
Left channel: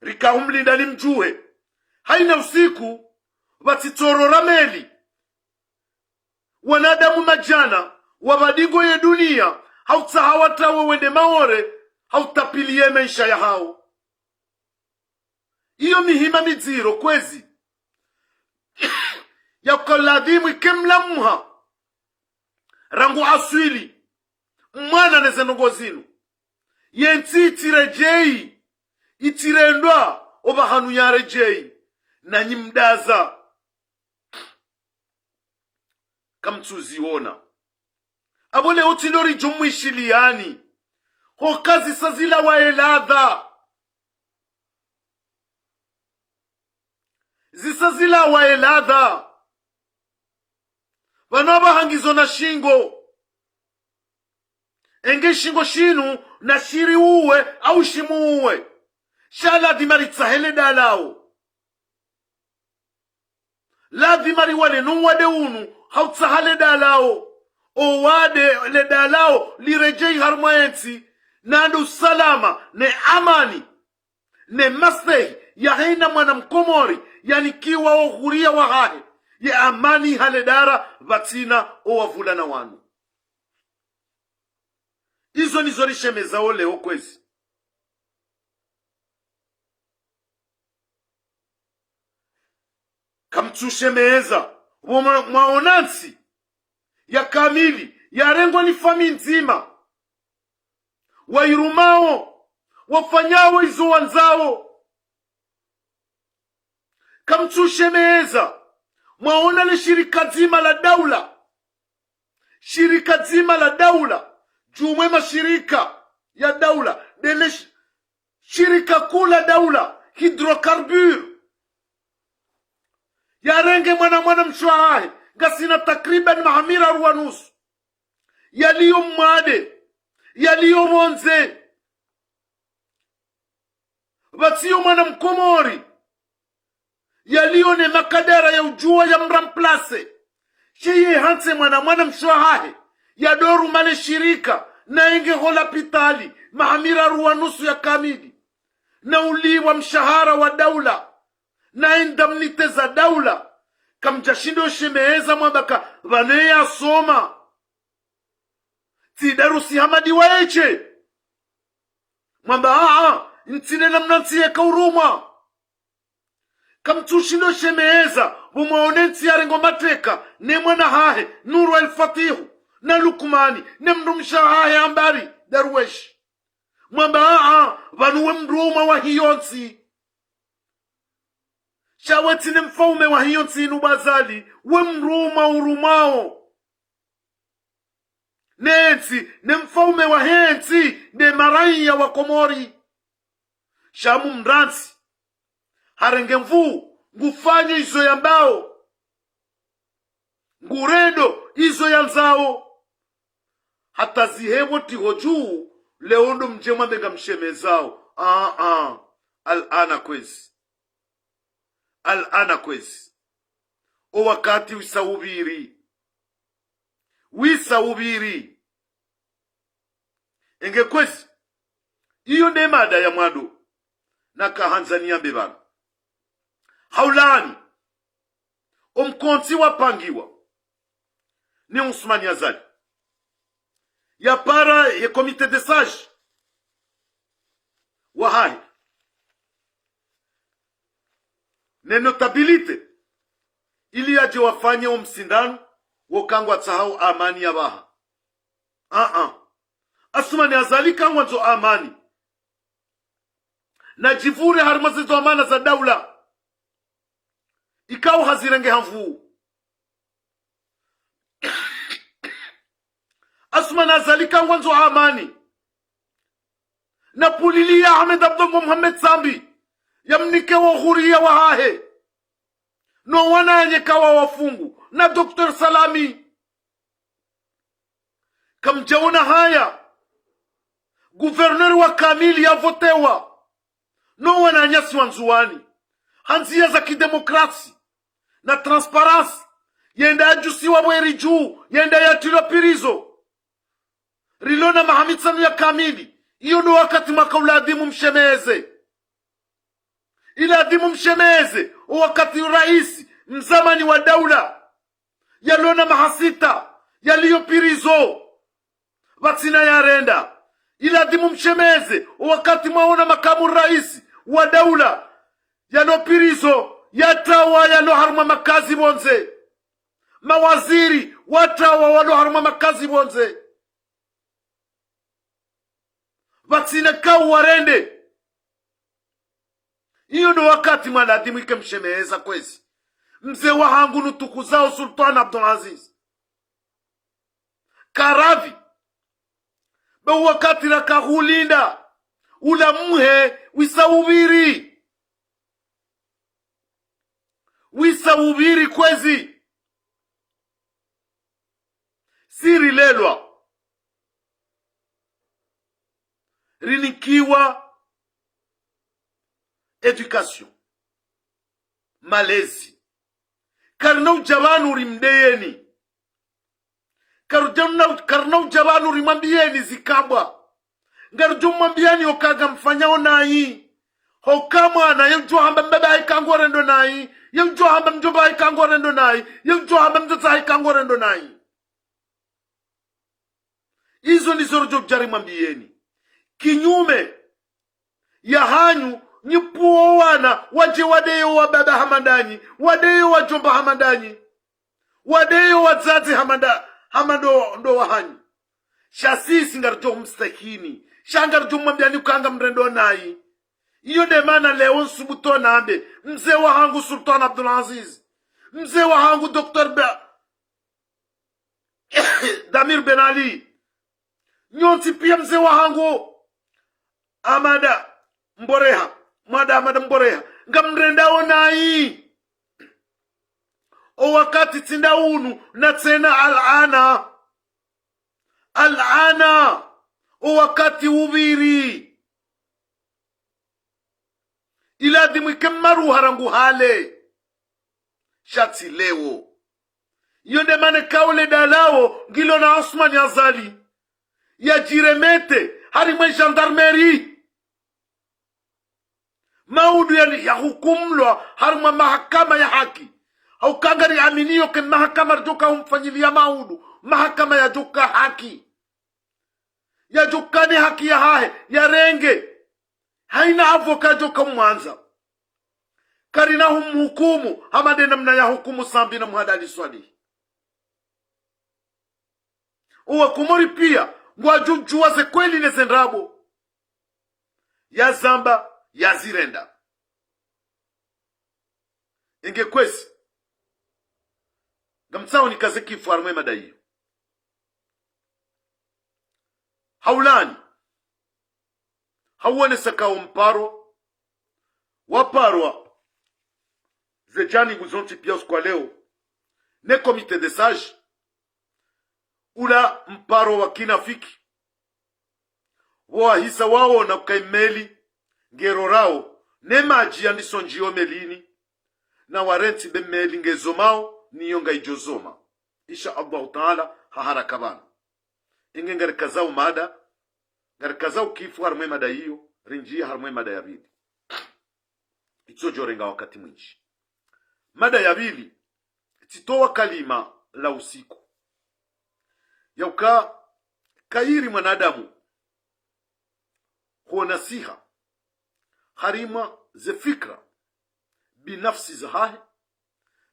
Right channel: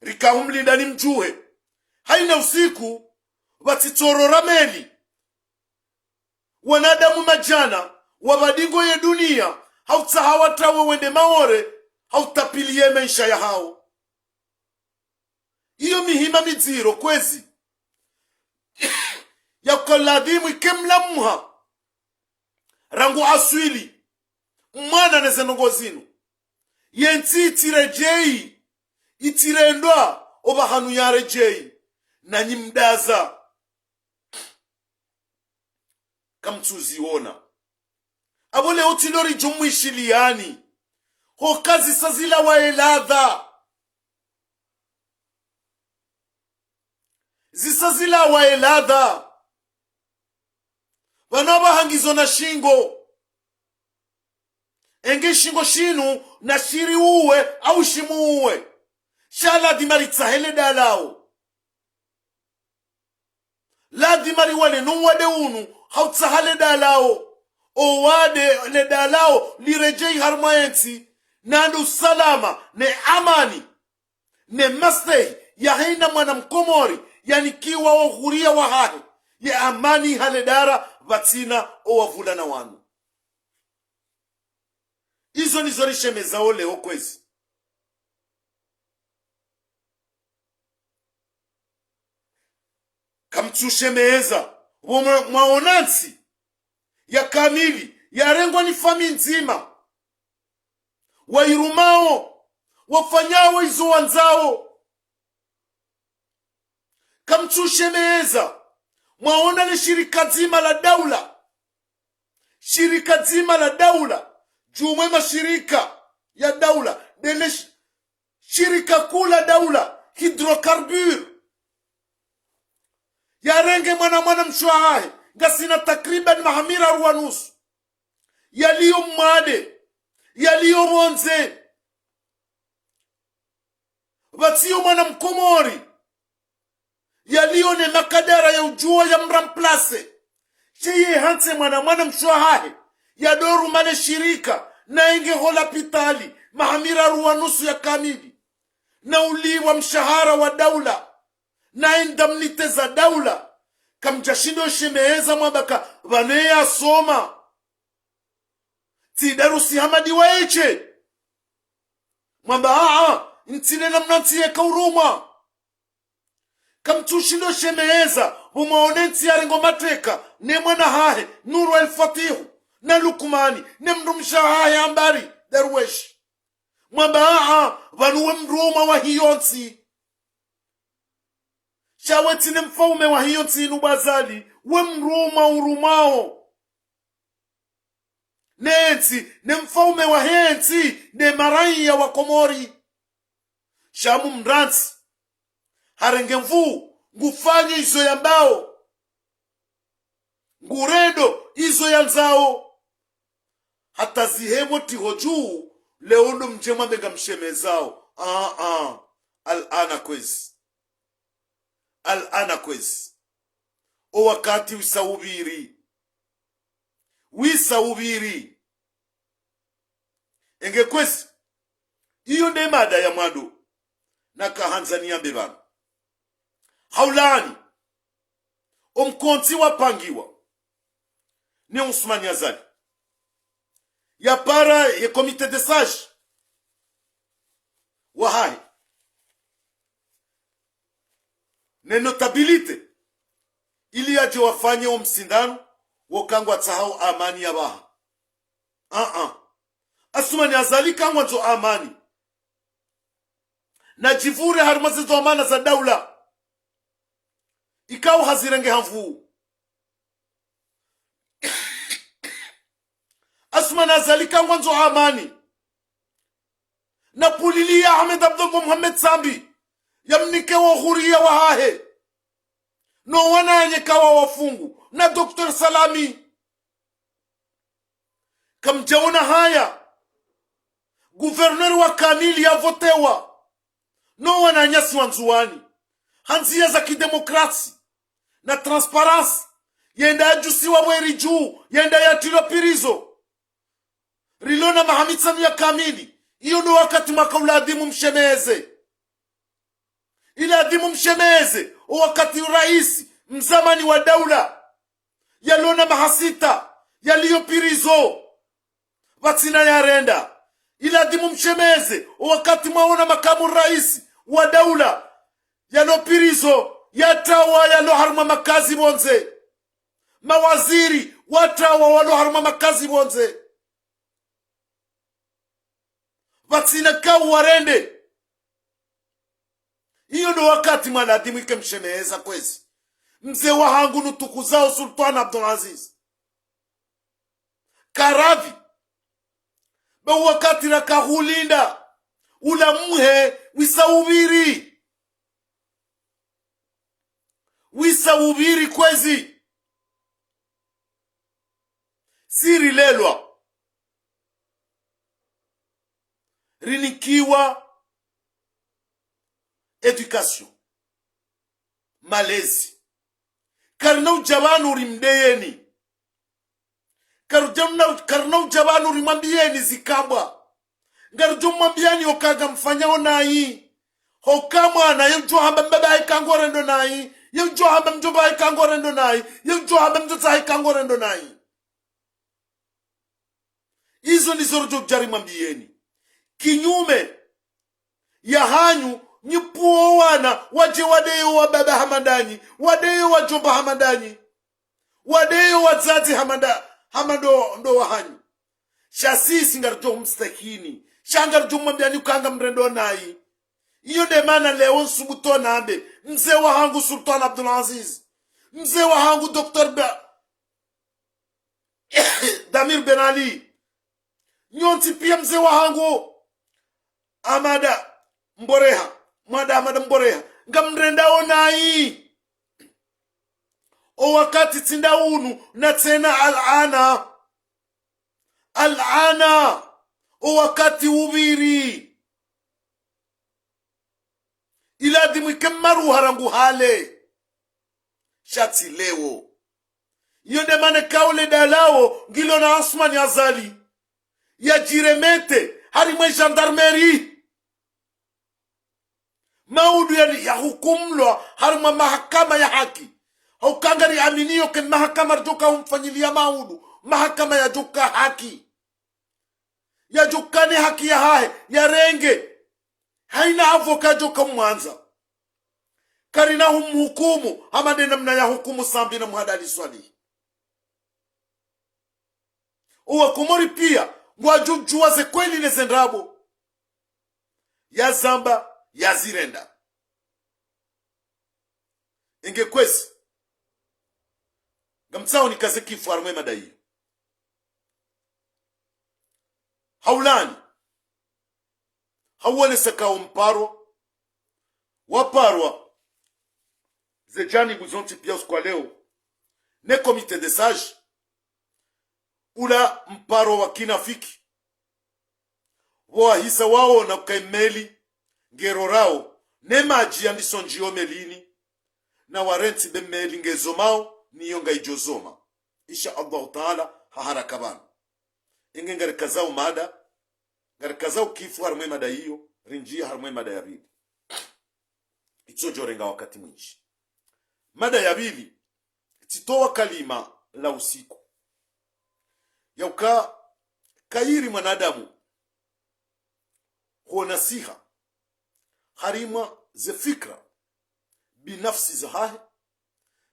rika umlinda ni mjuhe haina usiku watitorora meli wanadamu majana wabadingo ye dunia hautahawatawe wende maore hautapilie maisha ya hao iyo mihima miziro kwezi ya kuladhimu ikemla muha rangu aswili mwana nezenongo zinu yensi itirejei itirendwa obahanu yarejei na nyimdaza kamtuziona abole utilori jumwishiliani hokazi sazila waeladha zisazila waeladha vanaba hangizo na shingo enge shingo shinu na shiri uwe au shimu uwe shala dimaritsahele dalao la dimari wale nuwade unu hautsahale dalao o wade le dalao lirejei harmayensi nandu salama ne amani ne mastehi ya heina mwana mkomori yani kiwa ohuria wa hahe ya amani haledara vatina o wavula na wanu izo nizorishe mezao leo kwezi kamchushe meza mwaonansi ya kamili ya rengwa ni fami nzima wairumao wafanyao izo wanzao kamchushe meza mwaona le shirika zima la daula jumwe mashirika ya daula dele shirika kula daula hidrokarbur yarenge mwana mshwahahe gasina takriban mahamira ruwanusu yaliyo mwade yaliyo monze vatiyo mwana mkomori yaliyo ne makadara ya ujua ya mramplase sheye hanse mwana mshwahahe ya doru male shirika na enge hola pitali mahamira ruwanusu ya kamili na uliwa mshahara wa daula na indamnite za daula kamjashindo shemeheza mwabaka vaneya soma tidarusi hamadi waeche mwamba ntine namna ntiye kauruma kamtushindo shemeheza bumaone ntiya rengo mateka ne mwana hahe Nuru el-Fatihu na Lukmani ne mndu mshahahe ambari darwesh mwamba vanuwe mruma wa hiyonsi shaweti ne mfaume wa hiyonsi inubazali we mruma urumao nensi ne mfaume wa hensi ne maraiya wa Komori shamu mransi harenge mvu ngufanye izo ya mbao nguredo izo ya nzao hata zihemo tihoju leondo mjema menga mshemezao al-ana kwezi o wakati wisawubiri enge kwezi iyo ne mada ya mwado na kahanzania bebana haulani omkonti wapangiwa ni Ousmane Azali ya para ya komite de sage wahai ne notabilite ili aje wafanye omsindano wokangwa tsahau amani ya baha Ousmane Azali kangwa nzo amani na jivure harimazizo amana za daula ikao hazirenge hamvu Ousmane Azali kangwa nzo amani na pulilia Ahmed Abdullah Muhammad Sambi yamnike wa huria wa hahe no wananye kawa wafungu na Dr. Salami kamjaona haya guverneur wa kamili ya votewa no wananyasi wanzuani hanzia za kidemokrasi na transparansi yenda ajusiwa mweri juu yenda yatiro pirizo rilona mahamitsanu ya kamili iyo ndo wakati makauladimu mshemeze iladimu mshemeze o wakati raisi mzamani wa daula yalona mahasita yaliyo pirizo vatsina yarenda iladimu mshemeze o wakati mwaona makamu raisi wa daula yalo pirizo yatawa yalo haruma makazi bonze mawaziri watawa walo haruma makazi bonze vatsina kau warende iyo ndo wakati mwaladimu ike mshemeza kwezi mzee wa hangu nutukuzao Sultan Abdulaziz Karavi ba wakati na kahulinda ula muhe wisawubiri kwezi siri lelwa rinikiwa education malezi karnau jabanu rimdeyeni karnau jabanu rimambieni zikabwa ngarjo mwambiani okaga mfanyao nai hokama na yemjua hamba mbeba haikangore ndo nai yemjua hamba mjomba haikangore ndo nai yemjua hamba mjota haikangore ndo nai izo ni zorojo jari mwambieni kinyume ya hanyu nyipuo wana waje wadeyo wa baba hamandanyi wadeyo wa jomba hamandanyi wadeyo wazazi hamando ndo wa hanyu shasisi ngarjo mstakini shangarjo mwambiani ukanga mrendo nai iyo de mana leo nsubuto nambe mzee wa hangu Sultan Abdulaziz mzee wa hangu Dr. Damir Ben Ali nyonti pia mzee wa hangu amada mboreha mwada amada mboreha ngamrendao nai o wakati tinda unu na tena al'ana o wakati ubiri ila dimwike maru harangu hale shati leo yonde mane kaule dalao ngilo na Asmani Azali ya jiremete harimwe gendarmerie maudu ya hukumlwa harimwe mahakama ya haki haukangari aminio ken mahakama joka humfanyilia maudu mahakama ya joka haki ya jokane haki ya hahe ya renge haina avoka joka mwanza karina humhukumu hamade namna ya hukumu sambi na muhadali swali uwa kumori pia ngwajujua ze kweli nezendrabo ya zamba ya zirenda inge kwesi gamtsao nikaze kifu armwe madai haulani hauone sakao mparo waparwa zejani guzonti pia uskwa leo ne komite de sage ula mparo wa kinafiki wahisa wao na kaimeli ngero rao ne maji andiso njio melini na warenti be meli ngezomao niyo ngaijozoma insha Allah taala haharaka bana inge ngarikazao mada ngarikazao kifu harmwe mada hiyo rinjia harmwe mada ya bili itso jorenga wakati mwinji mada ya bili titoa kalima la usiku yauka kairi mwanadamu huwa nasiha harima ze fikra binafsi za hahe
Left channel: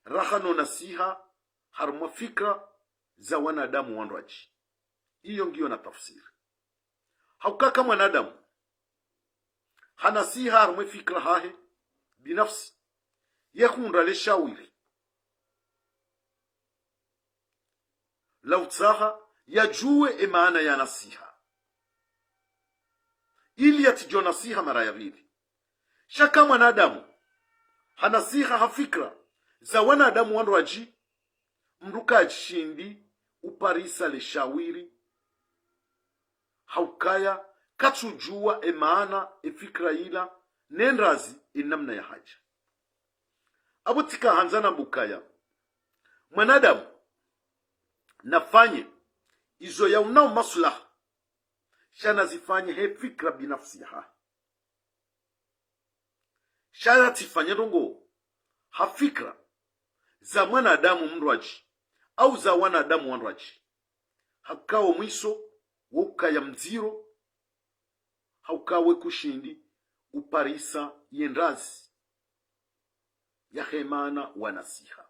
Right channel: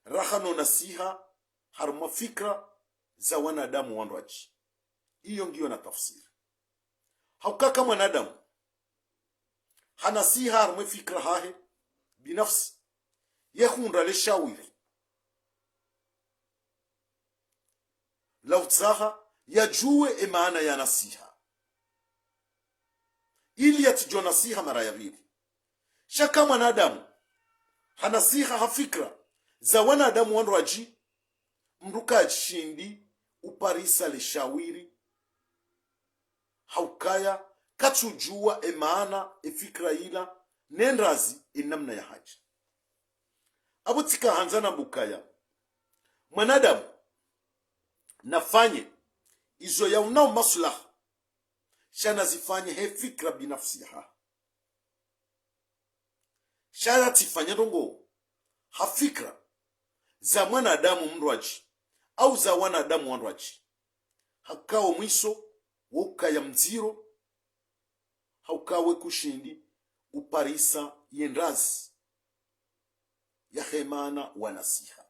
rahano nasiha harima fikra za wanadamu wandraji iyo ngiyo na tafsiri haukaka mwanadamu hanasiha harima fikra hahe binafsi yehunra le shawiri lautsaha yajue maana ya nasiha ili yatijua nasiha mara ya pili shaka mwanadamu hanasiha hafikra za wanadamu wandraji mruka shindi uparisa le shawiri haukaya katujua maana fikra ila nendrazi namna ya haja abutika hanzana bukaya mwanadamu nafanye izo ya unao maslaha shana zifanye he fikra binafsi ha shana tifanye rongo ha fikra za mwanadamu mrwaji au za wanadamu wanrwaji hakao mwiso woka ya mziro haukawe kushindi uparisa yendrazi ya hemana wanasiha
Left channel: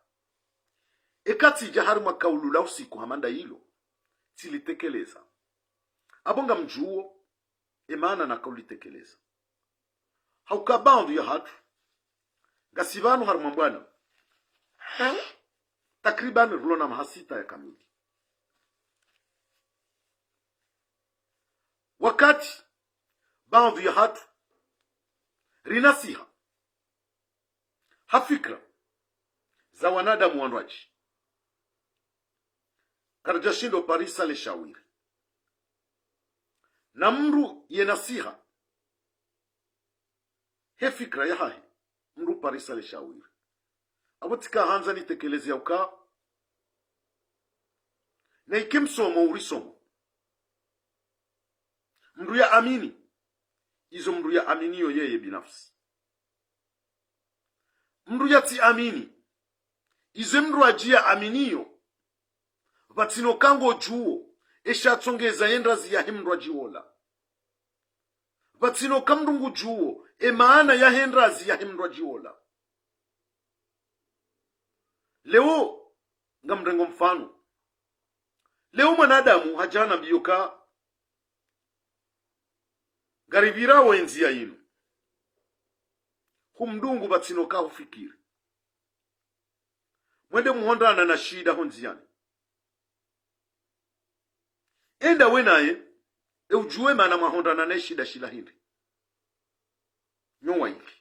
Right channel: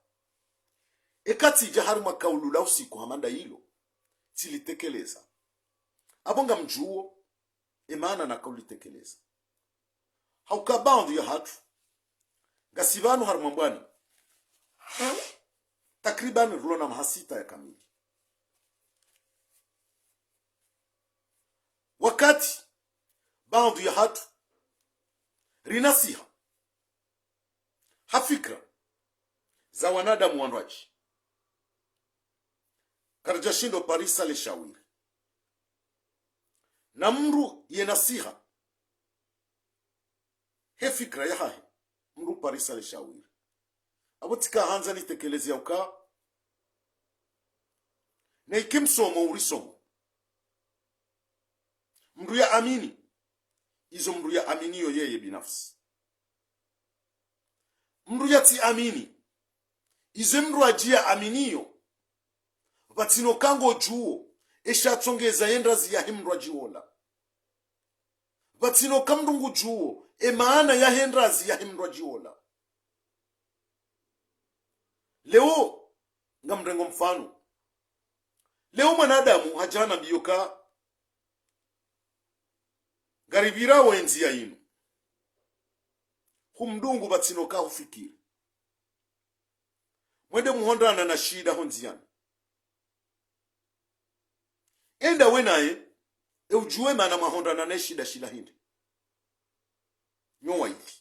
ekati jahari makaulula usiku hamanda hilo tilitekeleza abonga mjuo emana na kaulitekeleza haukabandu ya hatu gasibanu haruma mbwana takriban rulona mahasita ya kamili wakati bandu ya hatu rinasiha hafikra za wanadamu wandraji karjashindo parisa le shawiri na mru ye nasiha he fikra ya hahe mru parisa le shawiri abutika hanza nitekelezi ya uka na ikimsomo urisomo mru ya amini izo mru ya aminiyo yeye binafsi mru ya ti amini ize mru ajia aminiyo batino kango juo esha tsongeza yendrazi ya hemrwa jiwola batino kamdungu juo maana ya hendrazi ya hemrwa jiwola leo ngamrengo mfano leo mwanadamu hajana biyoka garibira wenzi ya inu humdungu batino ka ufikiri mwende muhondana na shida honziani enda wenaye ujue mana mahonda na shida shila hindi nyowa hivi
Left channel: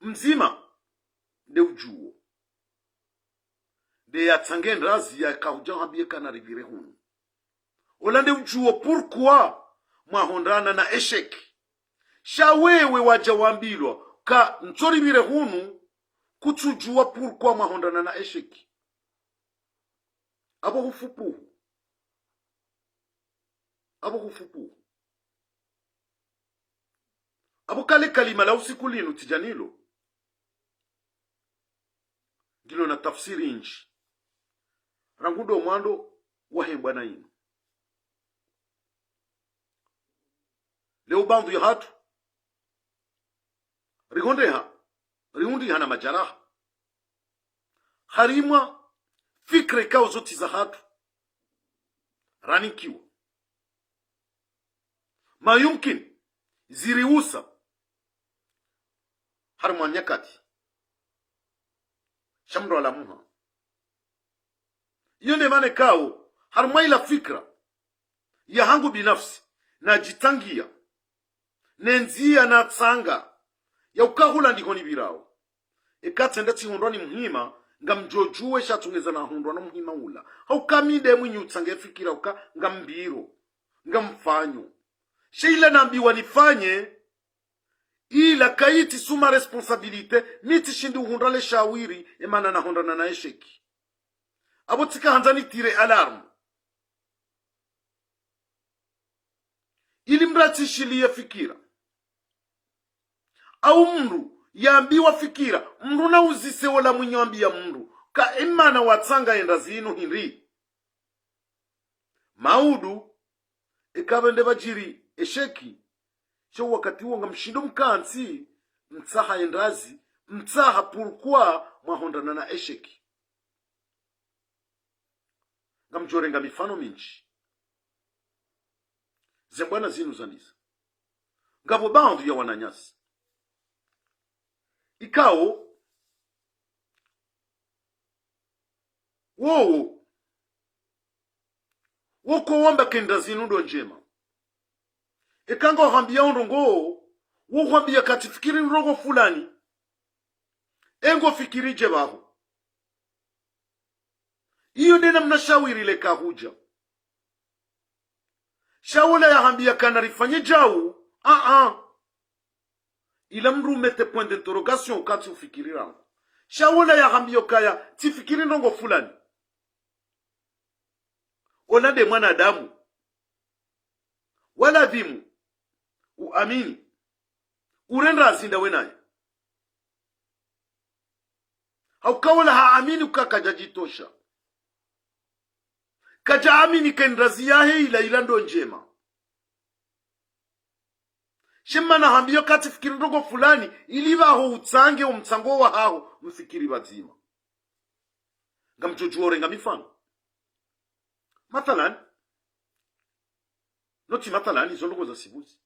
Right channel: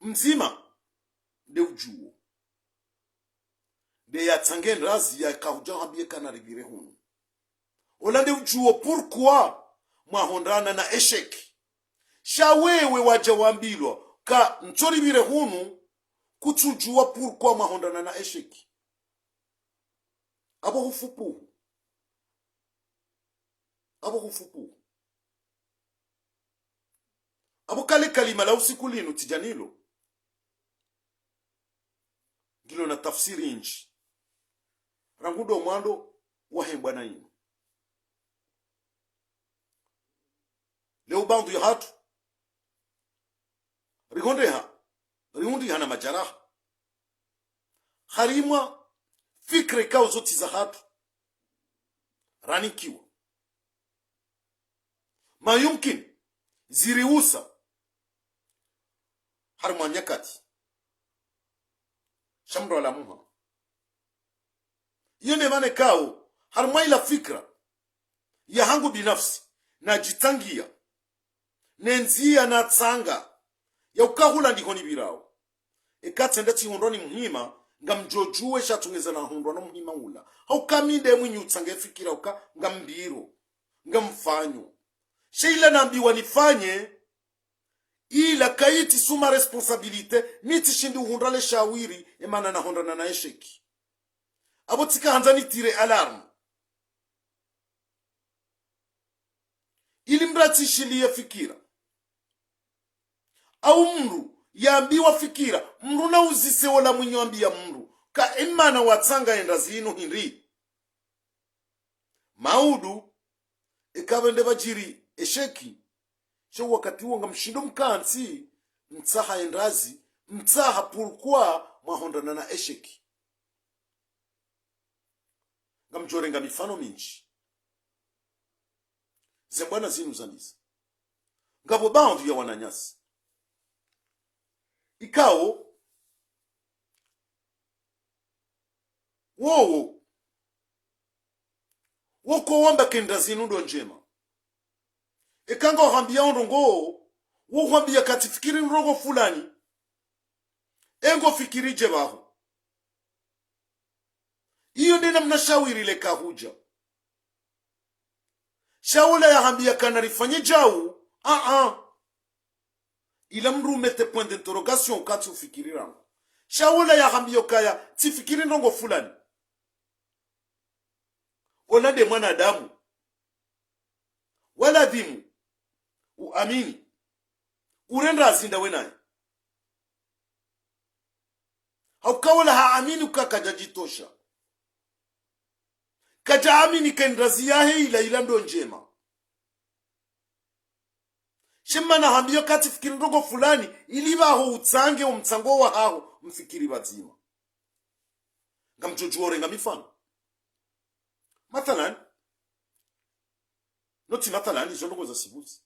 mzima de ujuo de ya tsangen razi ya kauja habie kana rivire hunu olande ujuo pourquoi mahondana na esheki shawewe waja wambilwa ka nchori vire hunu kutujua pourquoi mahondana na esheki abo hufupu abo kale kalima la usiku linu tijanilo gilo na tafsiri inchi rangudo mwando wahembwa na inu leo bandu ya hatu rihundi hana majaraha harimwa fikre kao zoti za hatu ranikiwa mayumkin ziliusa harma nyakati shamro la muha yone mane kao harma ila fikra ya hangu binafsi na jitangia nenzia na tsanga ya ukahula ndikoni birao ekatsenda tihondoni muhima ngamjojue shatungeza na hondwa muhima ula haukamide mwinyu tsange fikira uka ngambiro ngamfanyo sheila nambiwa nifanye ila kaiti suma responsabilite niti shindi uhundale shawiri emana na hondana na esheki abotika hanzani tire alarm ili mrati shilia fikira au mru yambiwa fikira mru na uzise wala mwinyambi ya mru ka emana watsanga enda zinu hinri maudu ekabende bajiri esheki sho wakati wonga mshindo mkansi mtsaha endazi mtsaha pourquoi mwahondana na esheki ngamjorenga mifano minchi zembwana zinu zandiza ngabo bandu ya wananyasi ikao wowo woko wamba kenda zinu ndo njema ekanga hambia ondongo wo hambia katifikiri nrogo fulani engo fikiri jebaho iyo nena mnashawiri le kahuja shawala ya hambia kana rifanye jau ila mru mete point d'interrogation kati ufikiri rangu shawala ya hambia kaya tifikiri nrogo fulani wala de mwanadamu wala dhimu uamini urenda azinda wenaye haukawala haamini ukakaja jitosha kaja amini kendrazi yahe ila ndo njema shemana hambio kati fikiri ndogo fulani ilibaho utsange umtsango wa hao mfikiri bazima ngamjojuore ngamifano mathalan noti mathalan izo ndogo za sibuzi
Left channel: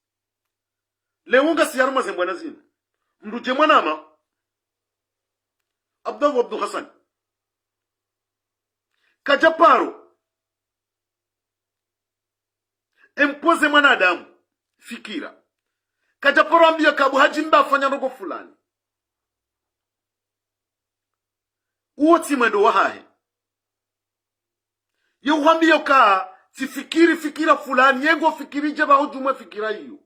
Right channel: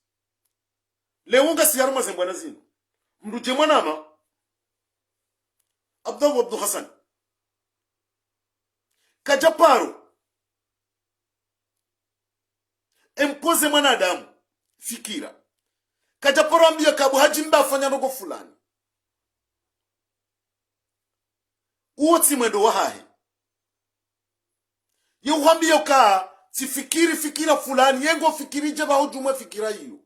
leonga siyaruma zembwana zinu mduje mwanama Abdul Hassan kajaparo empoze mwanadamu fikira kajaparo ambia kabu hajimba afanya ndogo fulani uoti mwendo wahahe yuhambia ka sifikiri fikira fulani yengo fikiri jeba hujumwe fikira hiyo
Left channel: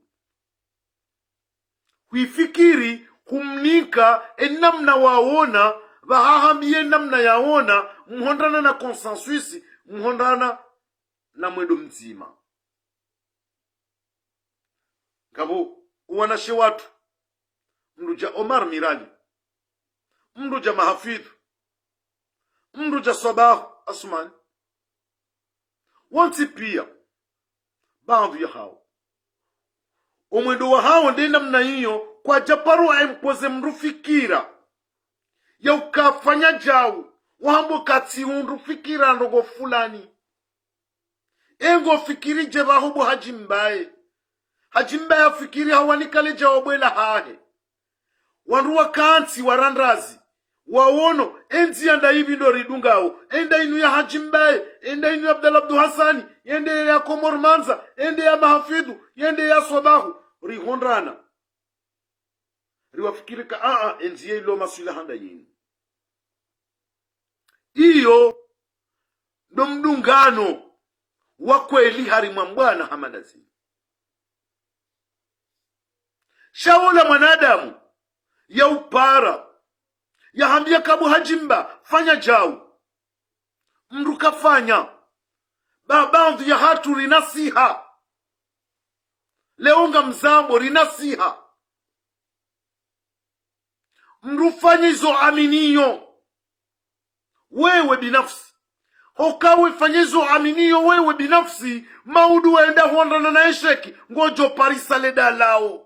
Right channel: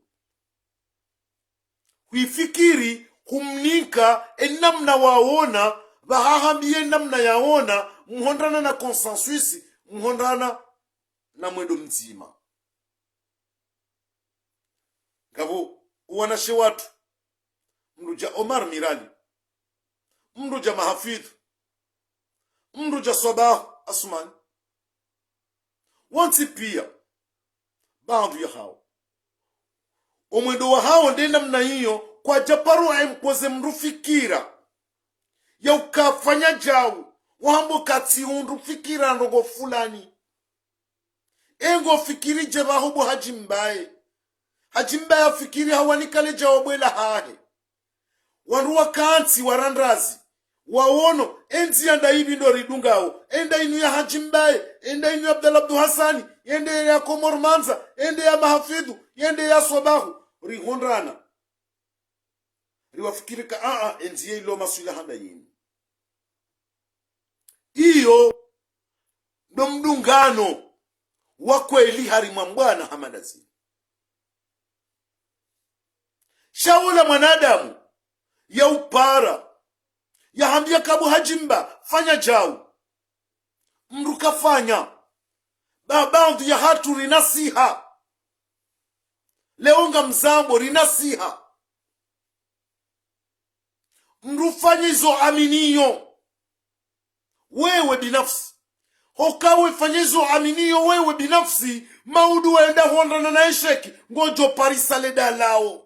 huifikiri humnika enamna waona bahahambie namna yaona muhondana na consensus muhondana na mwendo mzima ngabo uwanashe watu mruja Omar Mirali mruja Mahafidh mruja Sabah Asman wanti pia bandu ya hao omwendo wa hao ndi namna hiyo kwa japaro empoze mrufikira ya ukafanya jau wahambo kati unrufikira ndogo fulani engo fikiri jeba hubo hajimbaye fikiri hawanikale jawabwela hahe wanruwa kanti warandrazi wawono enzi anda hivi ndo ridungao enda inu ya Haji Mbaye, enda inu ya Abdallah Abdu Hassani, ende ya Komor Manza, ende ya Mahafidhu, ende ya Swabahu rihondrana riwafikirika enzi ilo maswila handa yinu. Iyo ndo mdungano wa kweli harimwa Mbwana Hamadazini. Shaula mwanadamu ya upara ya hambia kabu Hajimba fanya jau mruka fanya babandu ya hatu rinasiha leonga mzambo rinasiha mrufanyizo aminiyo wewe binafsi hokawe fanyizo aminiyo wewe binafsi maudu waenda huondana na esheki ngojo parisa leda lao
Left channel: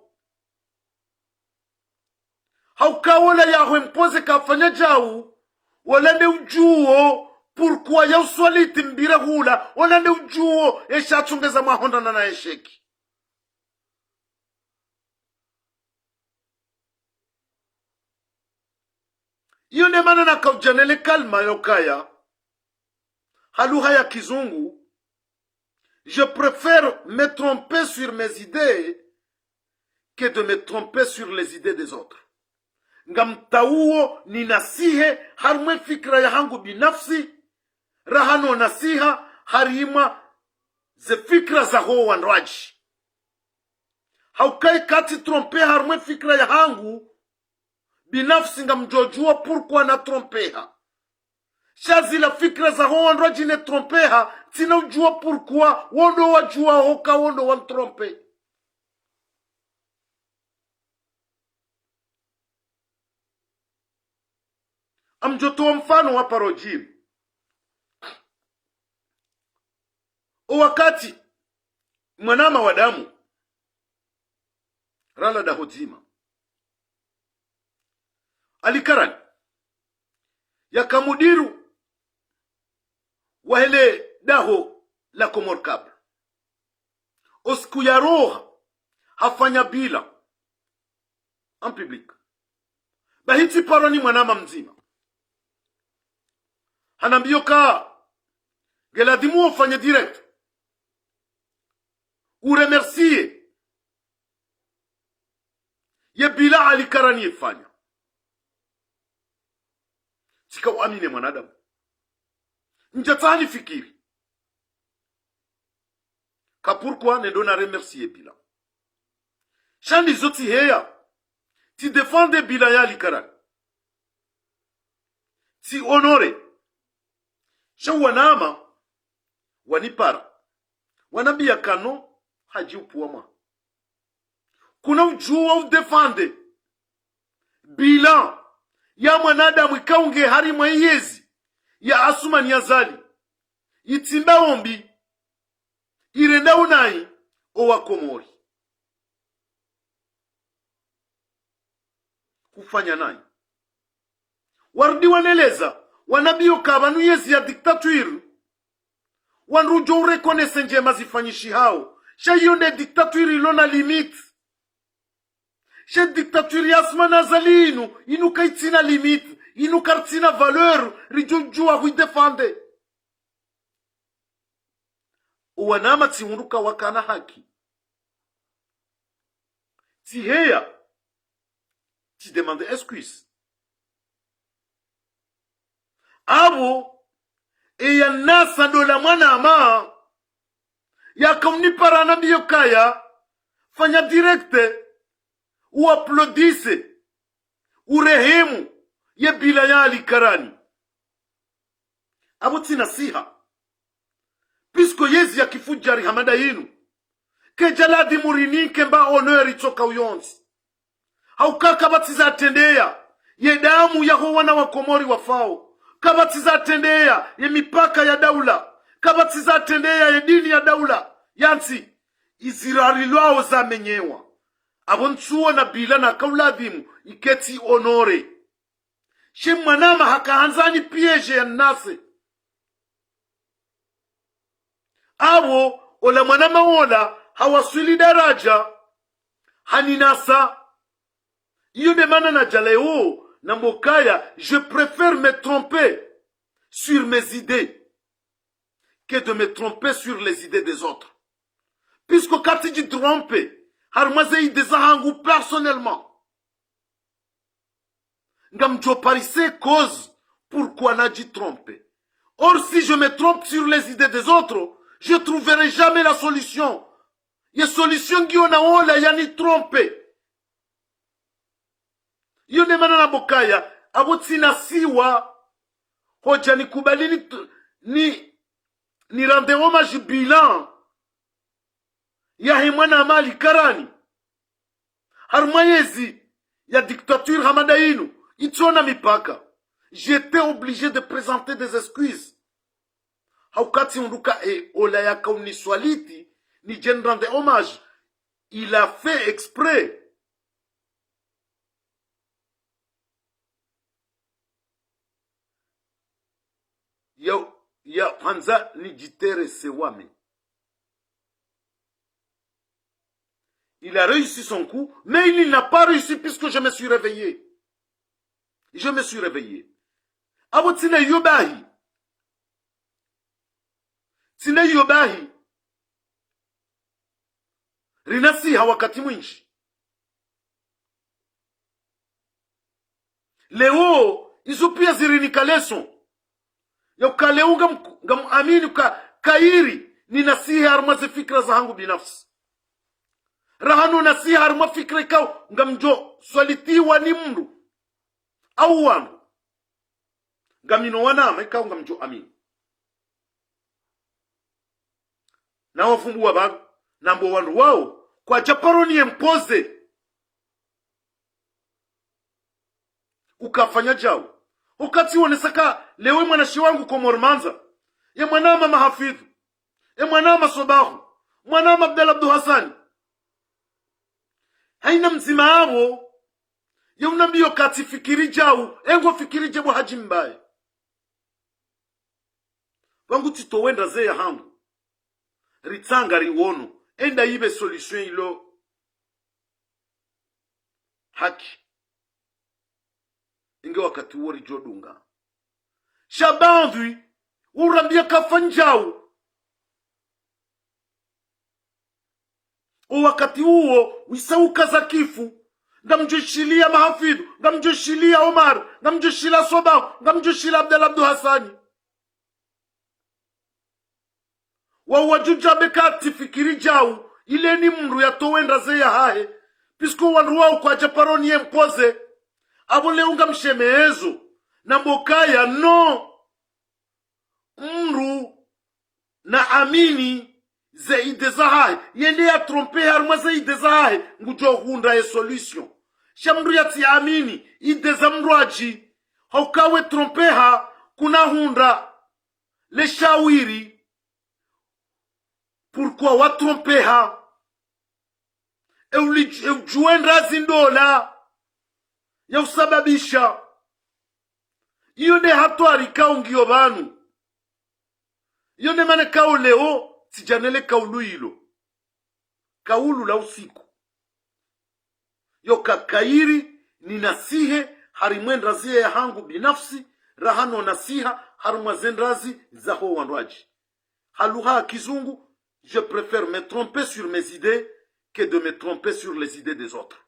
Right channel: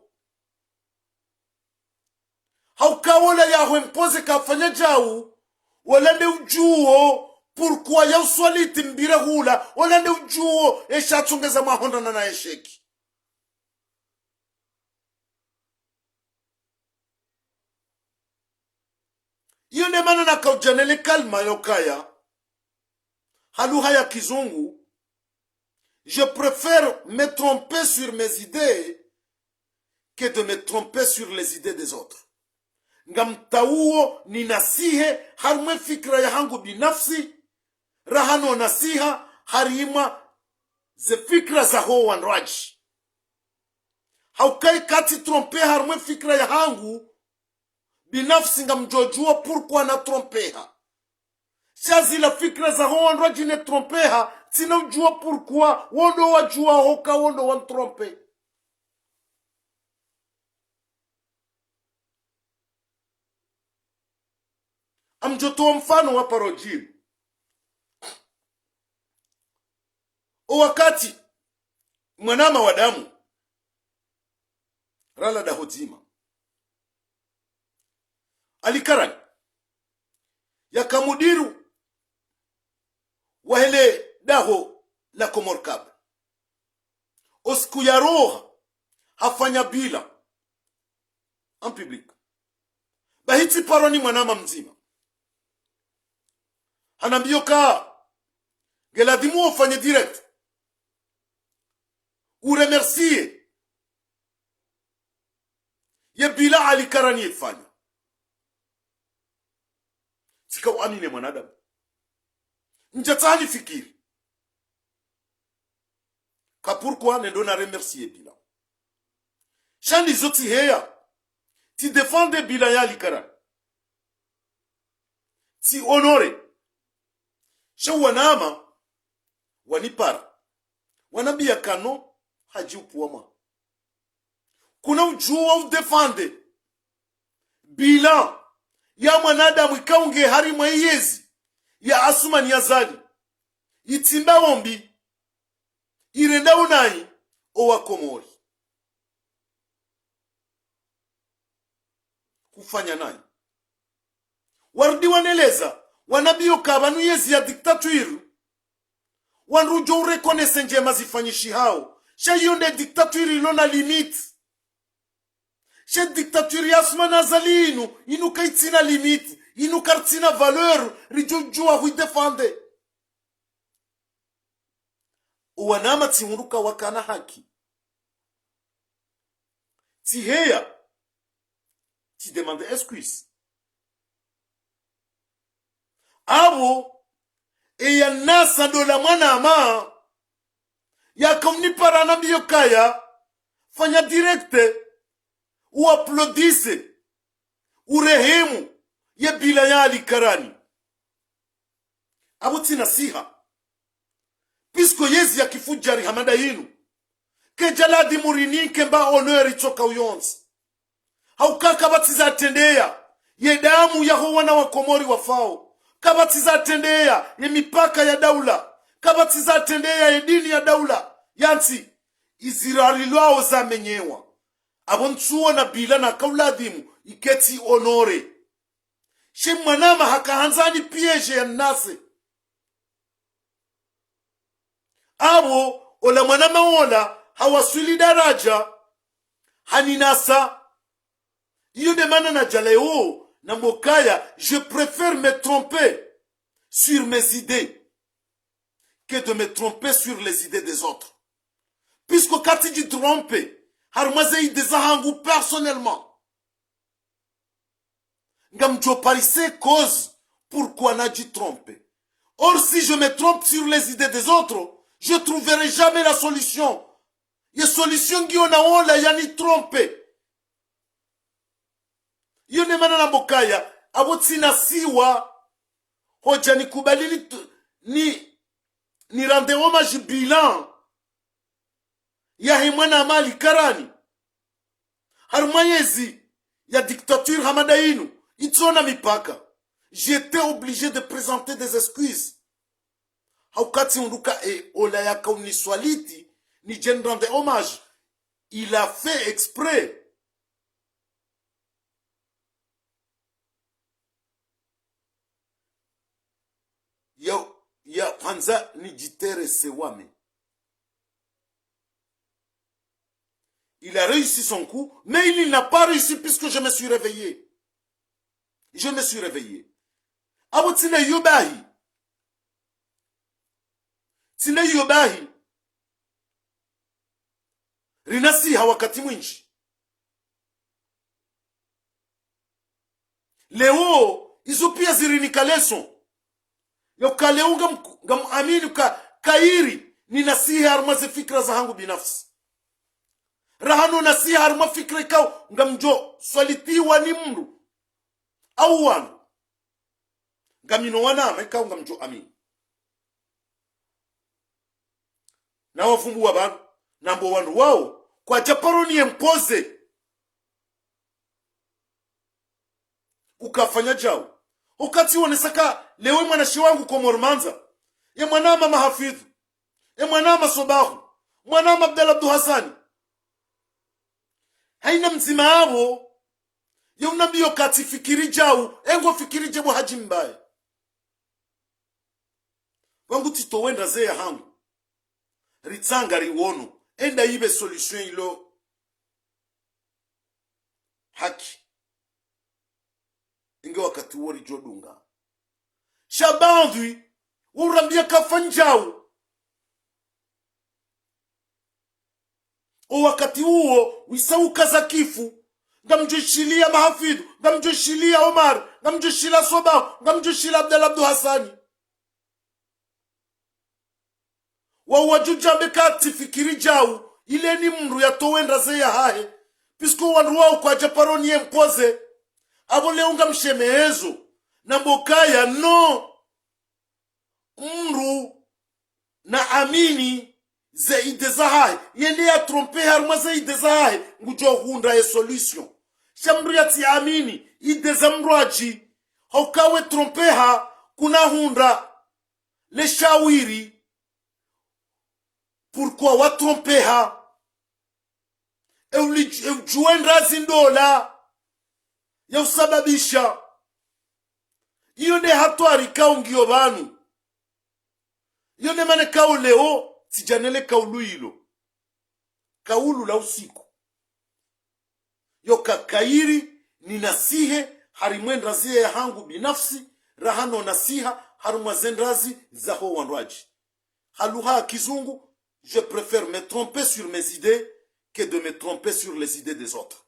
haukawola yahwe mpoze kafanya jau walande ujuo purkuwa ya uswaliti mbira hula walande ujuo esha chungeza mahondana na esheki. Iyo ne mana na kaujanele kalma yokaya haluha ya kizungu. Je préfère me tromper sur mes idées que de me tromper sur les idées des autres. Ngamtauo ni nasihe harumwe fikra ya hangu binafsi rahano nasiha harima ze fikra za ho wanraji. Haukai kati trompe harumwe fikra ya hangu binafsi ngamjojua pourquoi na trompeha. Shazi la fikra za ho wanraji ne trompeha tina ujua pourquoi wondo wajua hoka wondo wan trompe. Amjotoa mfano wa parojimu. O wakati mwanama wa damu rala da hozima alikarani yakamudiru wahele daho la Komor Kabla osku ya roha hafanya bila en public bahiti paroni mwanama mzima hanambio ka geladimu ufanye direct uremercie ye bila alikarani ifanya sika uamine mwanadamu njatani fikiri ka pourquoi ne dona remercier bila shandi zoti heya ti defende bila ya alikarani ti honore shawanama wanipara wanabia kano haji upuama kuna ujua udefande bila ya mwanadamu ikaunge harimwa iyezi ya asumani ya zali itimba ombi irenda unai owa Komori kufanya nai warudi waneleza wanabio kabanu yezi ya diktatuiru wanrujo urekonese njema zifanyishi hao shayonde diktatuiri ilona limit she diktatuiri asmana zalinu inuka itina limit inuka itina valeur rijujua huidefande uwanama timuruka wakana haki tiheya ti demande excuse abo eya nasa dola mwana ama ya komnipara na biyo kaya fanya direkte uaplodise urehemu ye bila ya alikarani abo tina siha pisko yezi ya kifujari hamada yinu ke jaladi murini kemba honori toka uyonzi haukaka batiza atendeya ye damu ya wana wa Komori wafao kabatiza tendea ya mipaka ya daula kabatiza tendea ya dini ya daula yansi izirali lwao za menyewa abonchuo na bila na kauladhimu iketi honore shemwanama hakahanzani pieje ya nase abo ola mwanama ola hawaswili daraja haninasa iyo demana na jaleo Nambokaya, je préfère me tromper sur mes idées que de me tromper sur les idées des autres. Puisque quand tu dis tromper, harmaze idées zahangu personnellement. Ngamjo parise cause pourquoi n'a dit tromper. Or, si je me trompe sur les idées des autres, je trouverai jamais la solution. Il y a solution qui on a on la yani tromper. Yone manana bokaya, abotsina siwa, hoja ni kubali ni rende hommage bilan. Ya himwana mali karani. Harmayezi, ya dictature hamadainu, itona mipaka. J'étais obligé de présenter des excuses. Haukati unduka olaya kauniswaliti, ni jen rende hommage. Il a fait exprès. Ya Hanza ni jitere sewame. Il a réussi son coup, mais il n'a pas réussi puisque je me suis réveillé. Je me suis réveillé. Abo tine yobahi. Tine yobahi. Rinasi hawakati mwinji. Leo, izo pia zirinika leson. Yau kaleu ngam amini kairi ni nasihi harmaze fikra za hangu binafsi. Rahanu nasihi harma fikra kau ngamjo swalitiwa ni mru. Au wanu. Ngamino wanama kau ngamjo amini. Na wafumbu wabangu. Nambo wanu wao. Kwa japaro ni empoze. Ukafanya jao. Ukati wonesaka lewe mwanashi wangu kwa mormanza. Ya mwanama mahafidhu. Ya mwanama sobahu. Mwanama Abdel Abdu Hassani. Haina mzima hawo. Ya unambiyo kati fikiri jau. Engo fikiri jebu haji mbaye. Wangu tito wenda ze ya hangu. Ritsanga riwono. Enda ibe solution ilo. Haki. Inge wakati wori jodunga. Shabanvi. Urambia kafanjau. O wakati huo. Wisauka za kifu. Ngamjoshilia mahafidhu. Ngamjoshilia Omar. Ngamjoshilia Sobahu. Ngamjoshilia Abdel Abdu Hassani. Wawajuja mekati fikiri jau. Ile ni mru ya towenda ze ya hahe. Pisko wanru wao kwa japaroni ye mpoze. Abo leunga mshemeezo. Na mbokaya no. Mru na amini ze ide za hahe. Yende ya trompe harma ze ide za hahe. Ngujo hunda ye solution. Shamru ya ti amini. Ide za mruaji. Haukawe trompe ha. Kuna hunda. Le shawiri. Pourquoi wa trompe ha? Juendra zindola. Ya usababisha. Iyo ne hatwari kaungio banu. Iyo ne mane kau leo. Tijanele kaulu hilo. Kaulu la usiku. Yo kakairi ni nasihe. Harimwendrazi ya hangu binafsi. Rahano nasiha. Harumazendrazi zaho wanduaji. Haluha kizungu. Je préfère me tromper sur mes idées que de me tromper sur les idées des autres.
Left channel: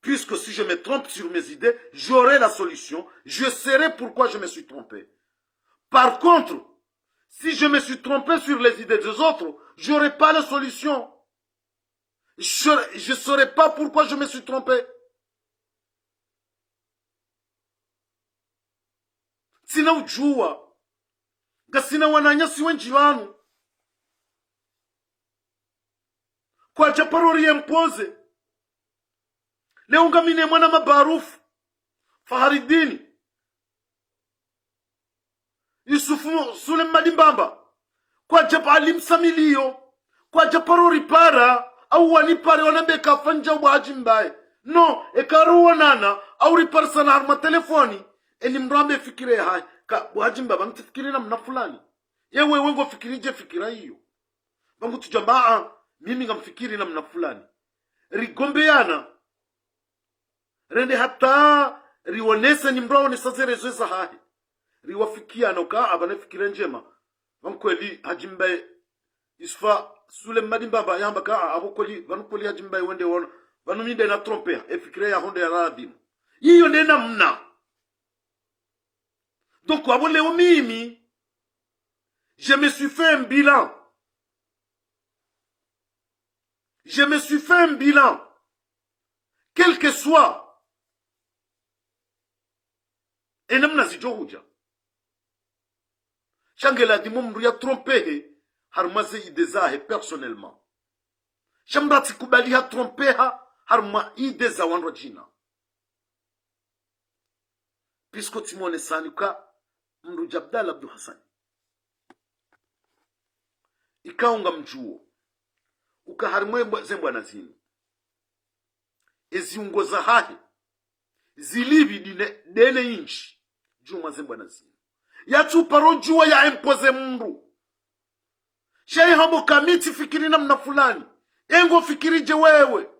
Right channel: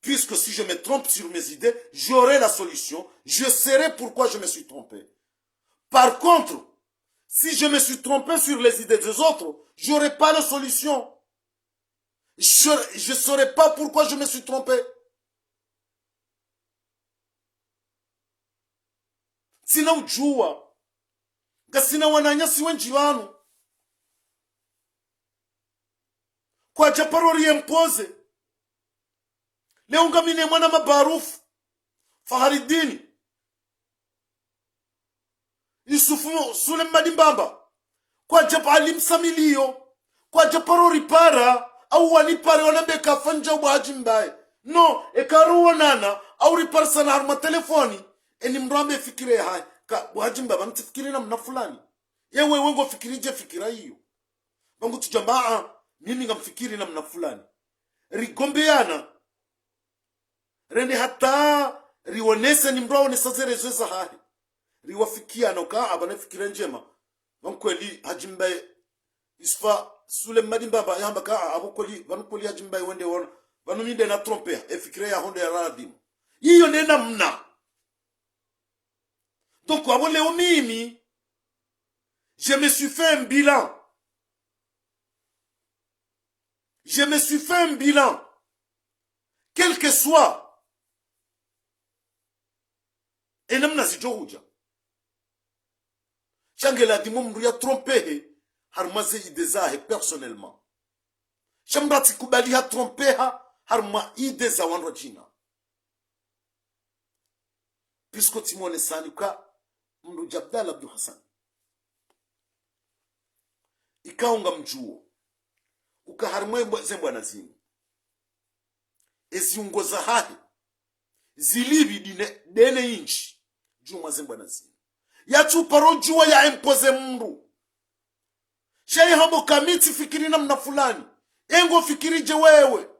Puisque si je me trompe sur mes idées, j'aurai la solution. Je saurai pourquoi je me suis trompé. Par contre, si je me suis trompé sur les idées des autres, je n'aurai pas la solution. Je ne saurai pas pourquoi je me suis trompé. Sina ujua. Gasina wananyasi wenji wanu. Kwa japarori empoze. Leo ngamine mwana mabarufu. Faharidini. Yusufu Sulem Madimbamba. Kwa japa alimsamilio. Kwa japarori para. Au wanipare wanambeka fanja ubahaji mbaye. No, ekaru wanana. Au ripara sana harma telefoni. Eni mrambe fikire hai. Ka buhajimba bangu tifikiri na mna fulani. Yewe wengo fikirije fikira hiyo. Bangu tujambaa. mimi ngamfikiri namna fulani rigombeana rende hata rionesa ni mrao ne sazerezo za hahi riwafikiana uka abana fikira njema wankweli hajimbaye isfa sule madimbaba yamba ka abokoli wankweli hajimbaye wende wona vanuminde na trompea efikira ya honde ya radim hiyo nena mna. Donc abo leo mimi je me suis fait un bilan. Je me suis fait un bilan. Quel que soit. Et namna zijohuja. Shangela di mumru ya trompehe. Harmaze idezahe personnellement. Shambati kubali ha trompeha. Harma ideza wanro jina. Pisko timone sanuka. Mru Jabdal Abdul Hassan. Ikaunga mjuo. Ukaharimwe zembwana zinu eziungoza hahe zilibi dene inchi juma zembwana zinu yachuparo juwa ya empoze mru shari hamo kamiti fikiri namna fulani engo fikiri je wewe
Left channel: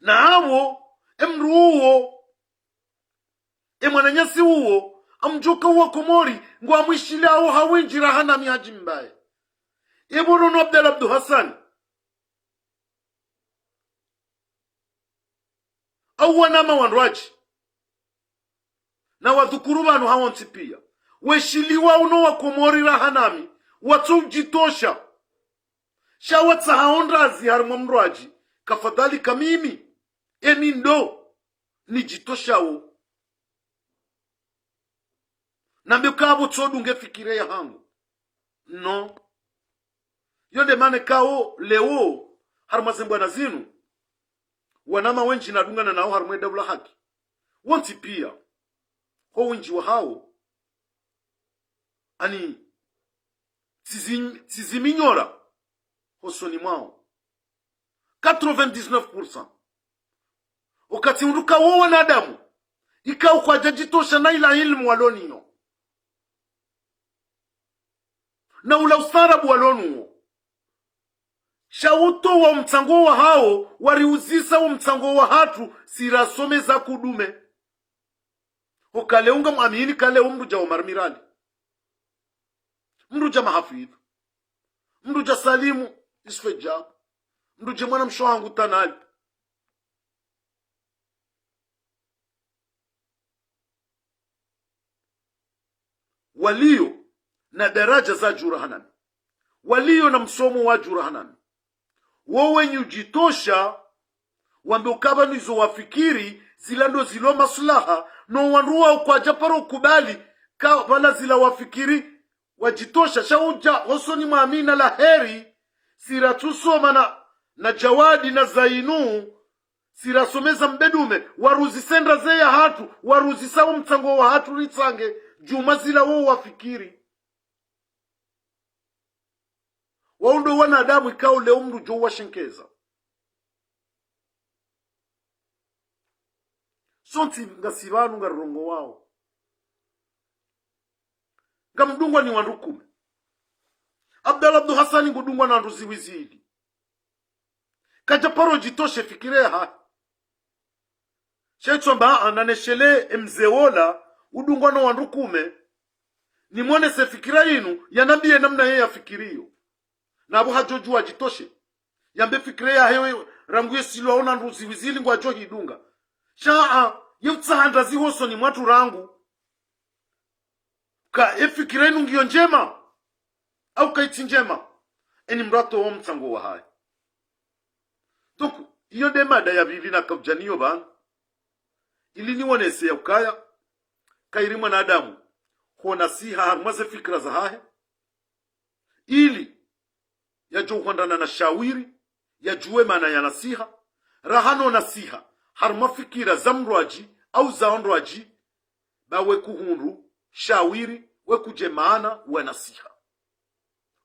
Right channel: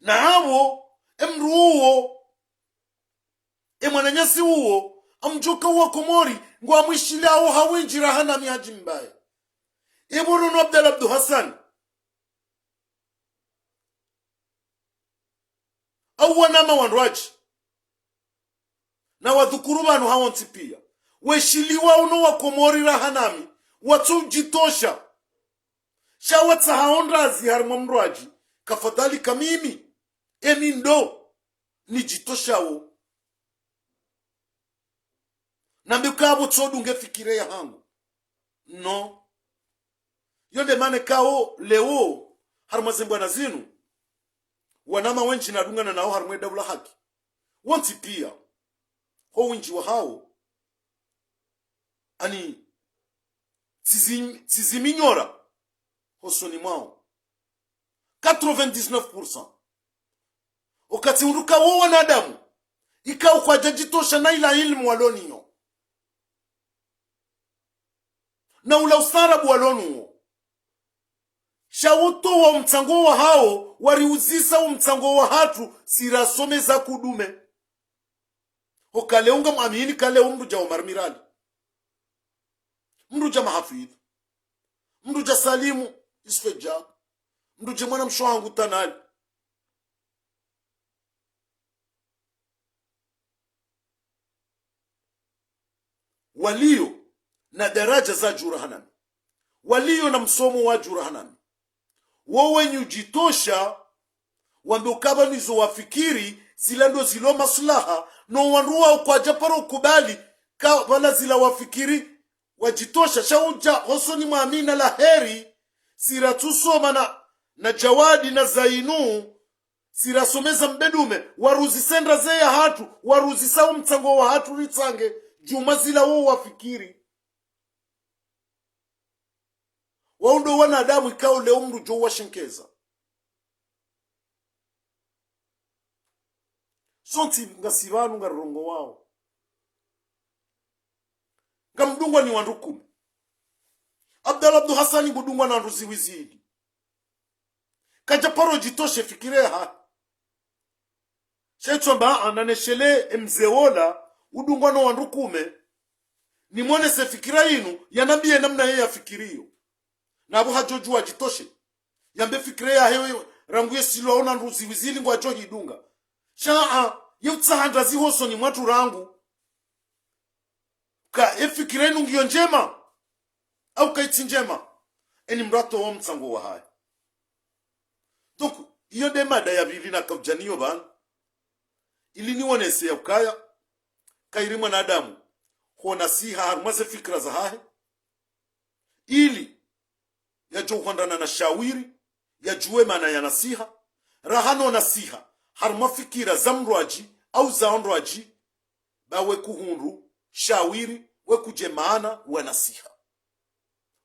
na hawo emru uo emwananyasi uo amjuka uo komori ngwa amwishila au hawinjira hana mihaji mbaye Ibn Abdul Hassan au wanama wanwaji na wadhukuru banu hawonti pia weshiliwa uno wakomori rahanami watu jitosha shawatsa haonrazi harma mrwaji kafadhali kamimi eni ndo ni jitosha wo na mbikabo tsodunge fikire ya hangu no yonde mane kao leo harmazembwana zinu wanama wenji nadungana nao harmwe dawla haki wanti pia ho wenji wa hao ani tiziminyora hosoni mwao 99%. Wakati unduka wo wanadamu ikao kwa jajitosha na ila ilmu waloniyo na ula ustarabu walonu shawuto wa mtango wa hao wariuzisa wa mtango wa hatu sirasome za kudume hokaleunga muamini kale umruja wa marmirali mruja mahafidhu mruja salimu isfeja mruja mwana mshohangu tanali walio na daraja za jurahanami walio na msomo wa jurahanami wowe nyujitosha wambe ukaba nizo wafikiri zilando zilo maslaha no wanruwa kwa japaro kubali wala zila wafikiri wajitosha shauja hosoni maamina la heri siratusoma na jawadi na zainu sirasomeza mbedume waruzi sendra zeya hatu waruzi sawo mtango wa hatu ritsange juma zila wo wafikiri waundo wanadamu ikao leo mru jo washenkeza sonti ngasibanu ngarongo wao ngamdungwa ni wandukume Abdul Hassan ngudungwa na nduzi wizidi kajaparo jitoshe fikireha shetomba ananeshele mzeola udungwa na wandukume ni mwone se fikira inu yanambie namna yeye afikirio na abu hajojua jitoshe yambe fikire ya hewe ranguye silo ona nduzi wizili ngwa johi idunga shaa yemtsahanda zihoso ni mwatu rangu ka efikire inu ngiyo njema au kaiti njema eni mrato wa mtsango wa hai donc iyo de mada ya bili na kabjaniyo bana ili niwonese ya ukaya kairi mwanadamu hona siha harmaze fikra za hahe ili ya johondana na shawiri ya juwe mana ya nasiha rahano nasiha harma fikira zamrwaji au zaonrwaji bawe kuhunru shawiri we kuje maana we nasiha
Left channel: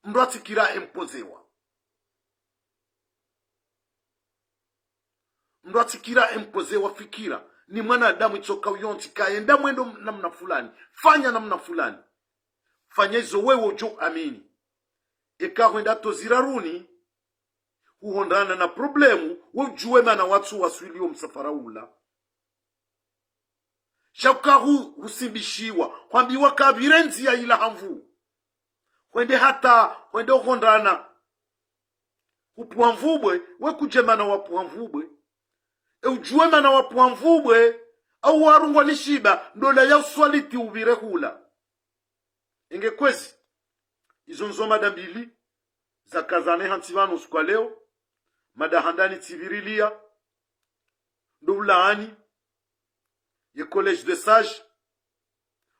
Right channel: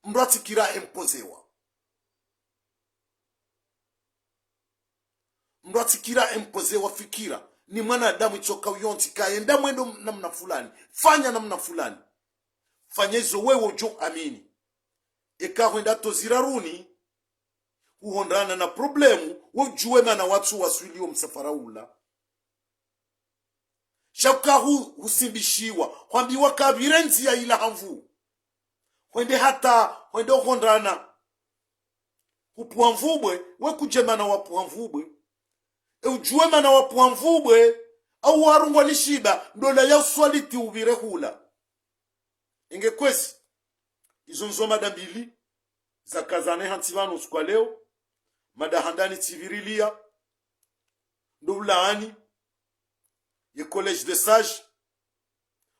mrati kira empozewa mrati kira empozewa fikira ni mwana adamu itoka uyonti kaenda mwendo namna fulani fanya namna fulani fanya hizo wewe ujo amini eka huenda to ziraruni uhondana na problemu wujue mana watu waswilio msafara ula shaukahu husimbishiwa kwambiwa kabire nzia ila hamvu wende uhondana upuamvubwe we kujemana wapuamvubwe ujue mana wapuamvubwe au warungwa nishiba ndola ya uswaliti ubire hula inge kwezi izo nzo mada mbili za kazane hantivano kwa leo mada handani tivirilia ndulaani ye college de sage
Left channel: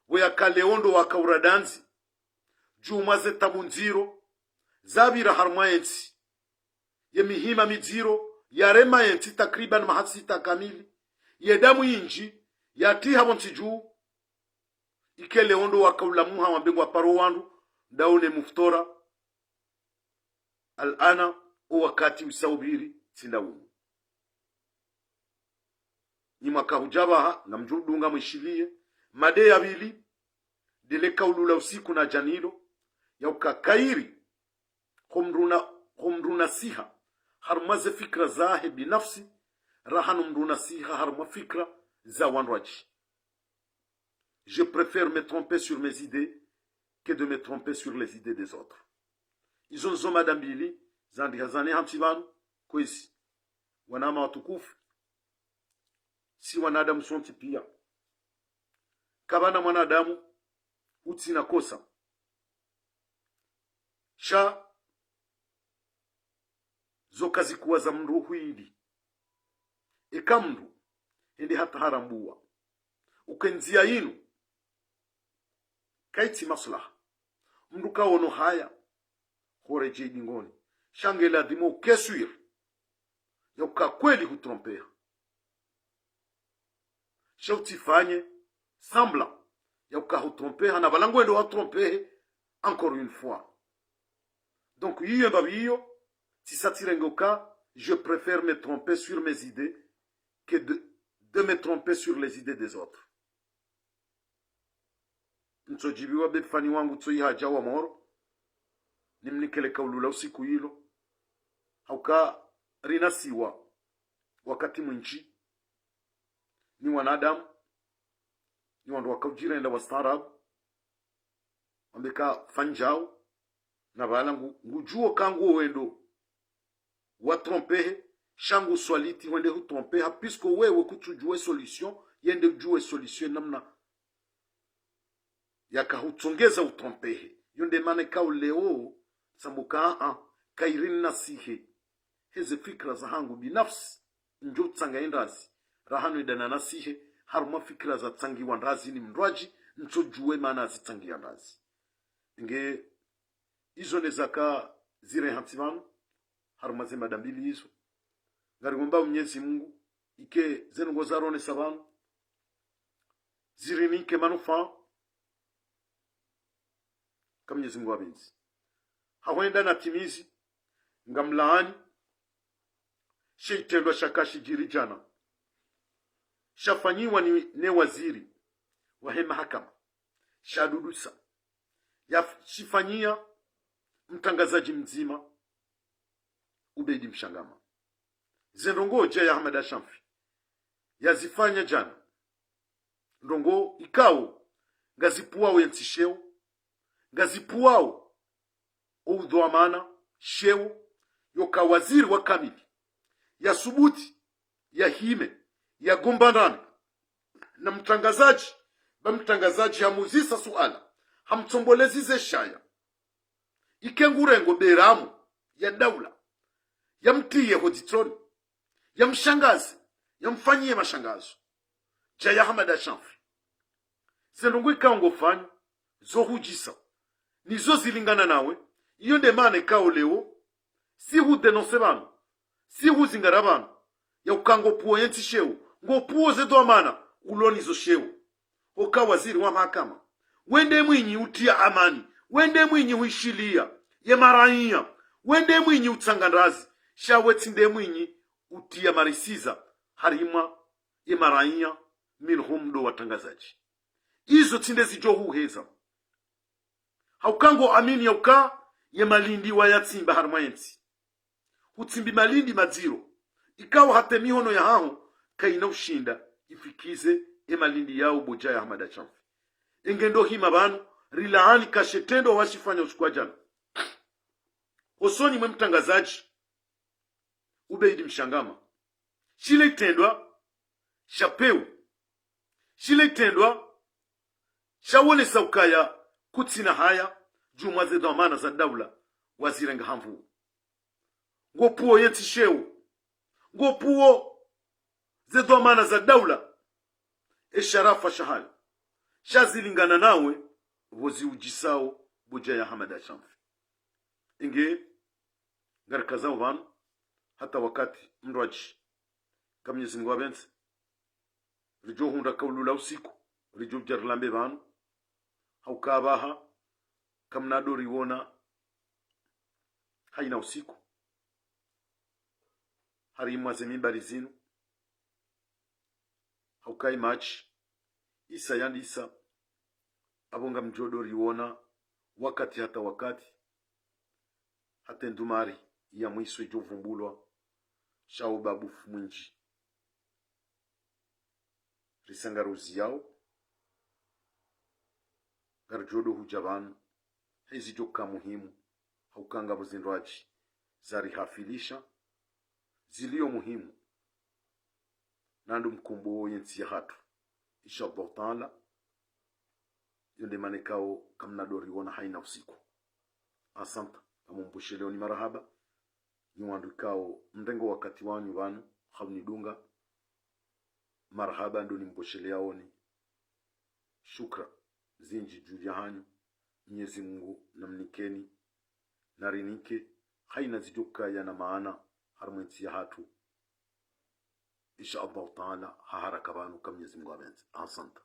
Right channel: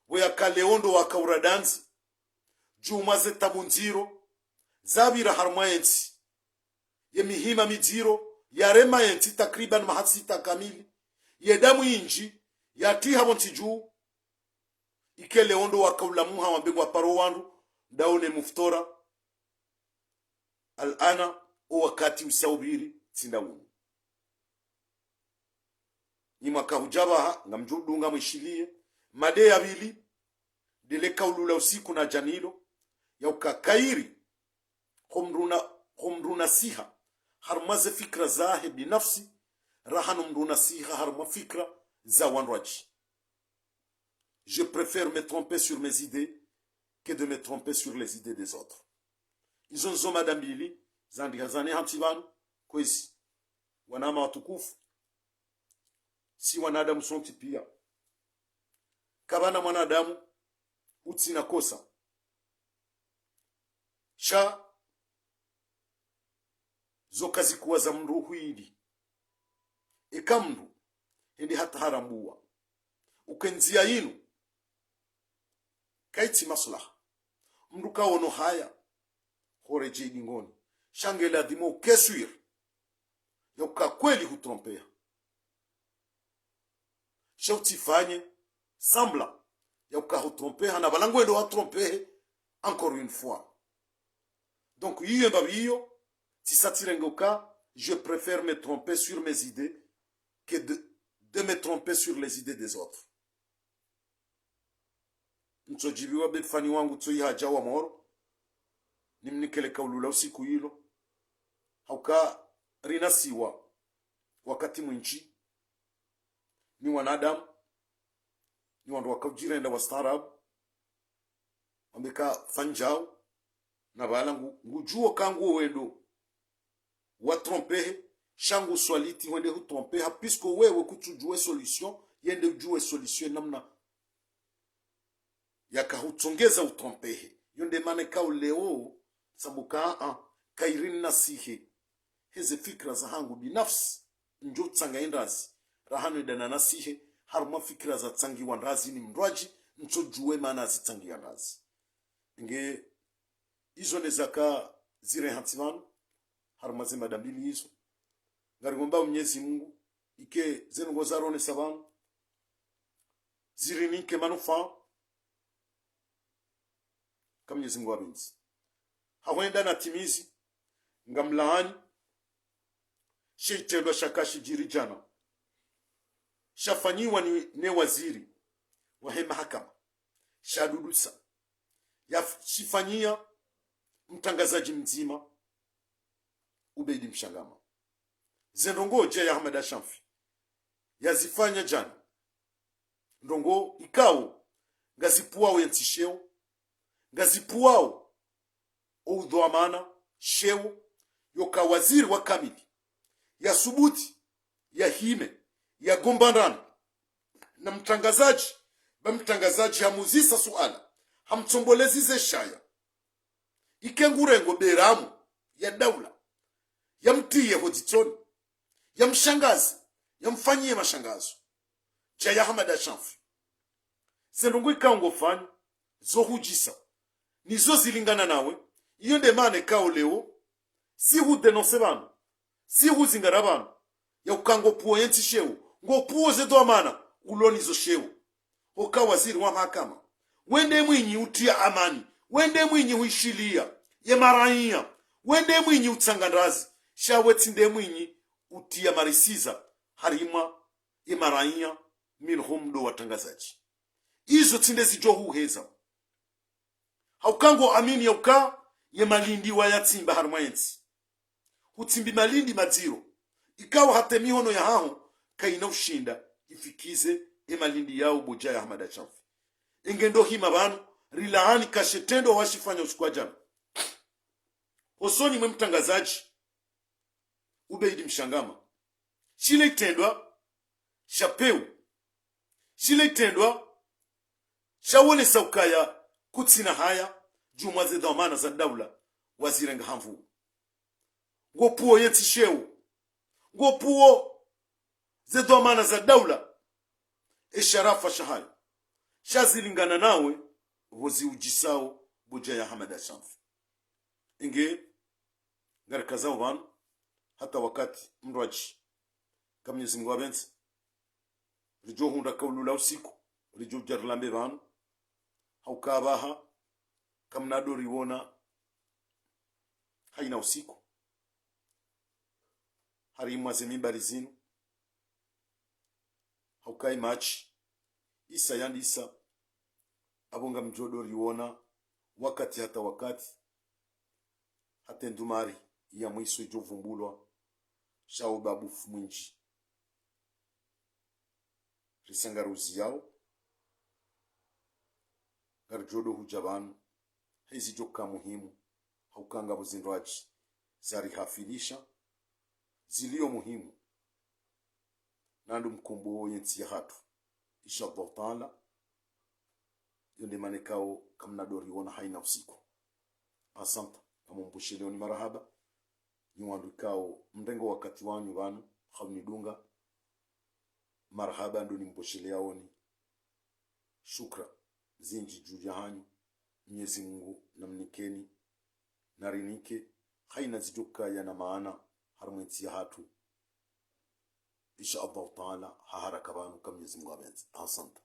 we ya kaleondo wa kauradanzi juma zetabunziro zabira harmayensi ye mihima mijiro ya rema yenti takriban mahatsita kamili ye damu inji ya tiha bonti juu ike leondo wa kaulamuha wambengwa paro wandu daune muftora alana o wakati usaubiri tindawunu ni mwaka hujabaha ngamjudunga mwishilie made ya bili dele kaulula usiku na janilo ya ukakairi humruna siha harmaze fikra zahe binafsi rahanu mruna siha harma fikra za wanraji. Je préfère me tromper sur mes idées que de me tromper sur les idées des autres. Ils ont madame Billy, zandi hazane hantivanu, kwezi. Wanama watukufu. Si wanadamu sonti pia. Kabana mwanadamu, utina kosa. Sha, zokazi kuwa za mru huidi. Eka mru, hindi hata harambuwa. Ukenzia inu, kaiti maslaha mruka wono haya horeje dingoni shangela dimo keswir yoka kweli hutrompea shauti fanye semblant yoka hutrompea na balangwendo wa tromper encore une fois. Donc yiyo babiyo si satirengoka je préfère me tromper sur mes idées que de me tromper sur les idées des autres. Nchojibiwa bedfani wangu tso ihaja wa moro nimnikele kaulula usiku hilo hauka rinasiwa wakati mwinchi ni wanadamu ni wandu wakaujira enda wastaarabu wambeka fanjao na bala ngujuo kangu wendo watrompehe shangu swaliti wende hutrompeha puisque wewe kutujue solution yende ujue solution namna yakahutongeza utrompehe yonde mane kauleo sambuka kairini nasihe heze fikra za hangu binafsi njo tsanga endazi rahanu idana nasihe haruma fikra za tsangi wandazi ni mrwaji ncho juwe mana zitsangi yandazi nge izo nezaka zire hantivanu haruma zima dambili hizo ngarigomba mnyezi Mungu ike zenungo zarone sabanu zirinike manufa kama Mwenyezi Mungu abenzi hawenda na timizi ngamlaani sheitendwa shakashi jirijana shafanyiwa ne waziri wa mahakama shadudusa yashifanyia mtangazaji mzima Ubeidi Mshangama zendongo ya Ahmed Ashamfi yazifanya jana ndongo ikao ngazipuao yentisheo ngazipuao udhuamana sheo yoka waziri wa kamili ya subuti ya hime ya gombandana na mtangazaji hamuzisa suala hamtombolezize shaya ikengurengo beramu ya daula ya mtiye hoditroni ya mshangazi ya mfanyie mashangazo jaya Ahmed Ashamfi zendongo ikango fanyo zo hujisa nizo zilingana nawe iyo ndemane kao leo si hu denonse banu si hu zingara banu ya ukango puo yenti sheu ngo puo zedo amana uloni zo sheu oka waziri wa mahakama wende mwinyi utia amani wende mwinyi huishilia ye maraiya wende mwinyi utsangandazi shawetinde mwinyi utia marisiza harima ye maraiya minhumdo watangazaji izo tinde zijo huheza haukango amini yauka ye malindi wa yatsimba harmayensi hutsimbi malindi madziro ikawa hata mihono ya hao kaina ushinda ifikize malindi yao boja ya Ahmada Chamfi engendo hima banu rilaani kashetendo washifanya ushukwa jana osoni mwe mtangazaji Ubeidi Mshangama shile itendwa shapeu shile itendwa shawone saukaya kutsina haya jumwa ze dhamana za daula wazirenga hamvu ngopuo yeti sheu ngopuo ze dhamana za daula esharafa shahali shazilingana nawe vozi ujisao boja ya Ahmada Chamfi inge ngarikazao vanu hata wakati mrwaji kamnyezi Mungu abenzi rijo hunda kaulula usiku rijo jarlambe vanu haukabaha kamnado riwona haina usiku harimwa zemimbari zinu haukai machi isa yandi isa abonga mjodo riwona wakati hata wakati hata ndumari ya mwiso ijo vumbulwa shao babu mwinji risangaruzi yao garjodo hujabanu hizi joka muhimu haukanga buzindwaji zari hafilisha zilio muhimu nandu mkumbo yensi ya hatu inshallah taala yonde manekao kamna dori wona haina usiku asanta amumbushele oni marahaba niwandukao mrengo wakati wanyu banu khawni marhaba ndo nimboshele yaoni shukra zinji juu ya hanyu Mwenyezi Mungu namnikeni narinike haina zijuka yana maana harmwensi ya hatu insha Allah taala haharaka banu kam Mwenyezi Mungu abenzi asanta.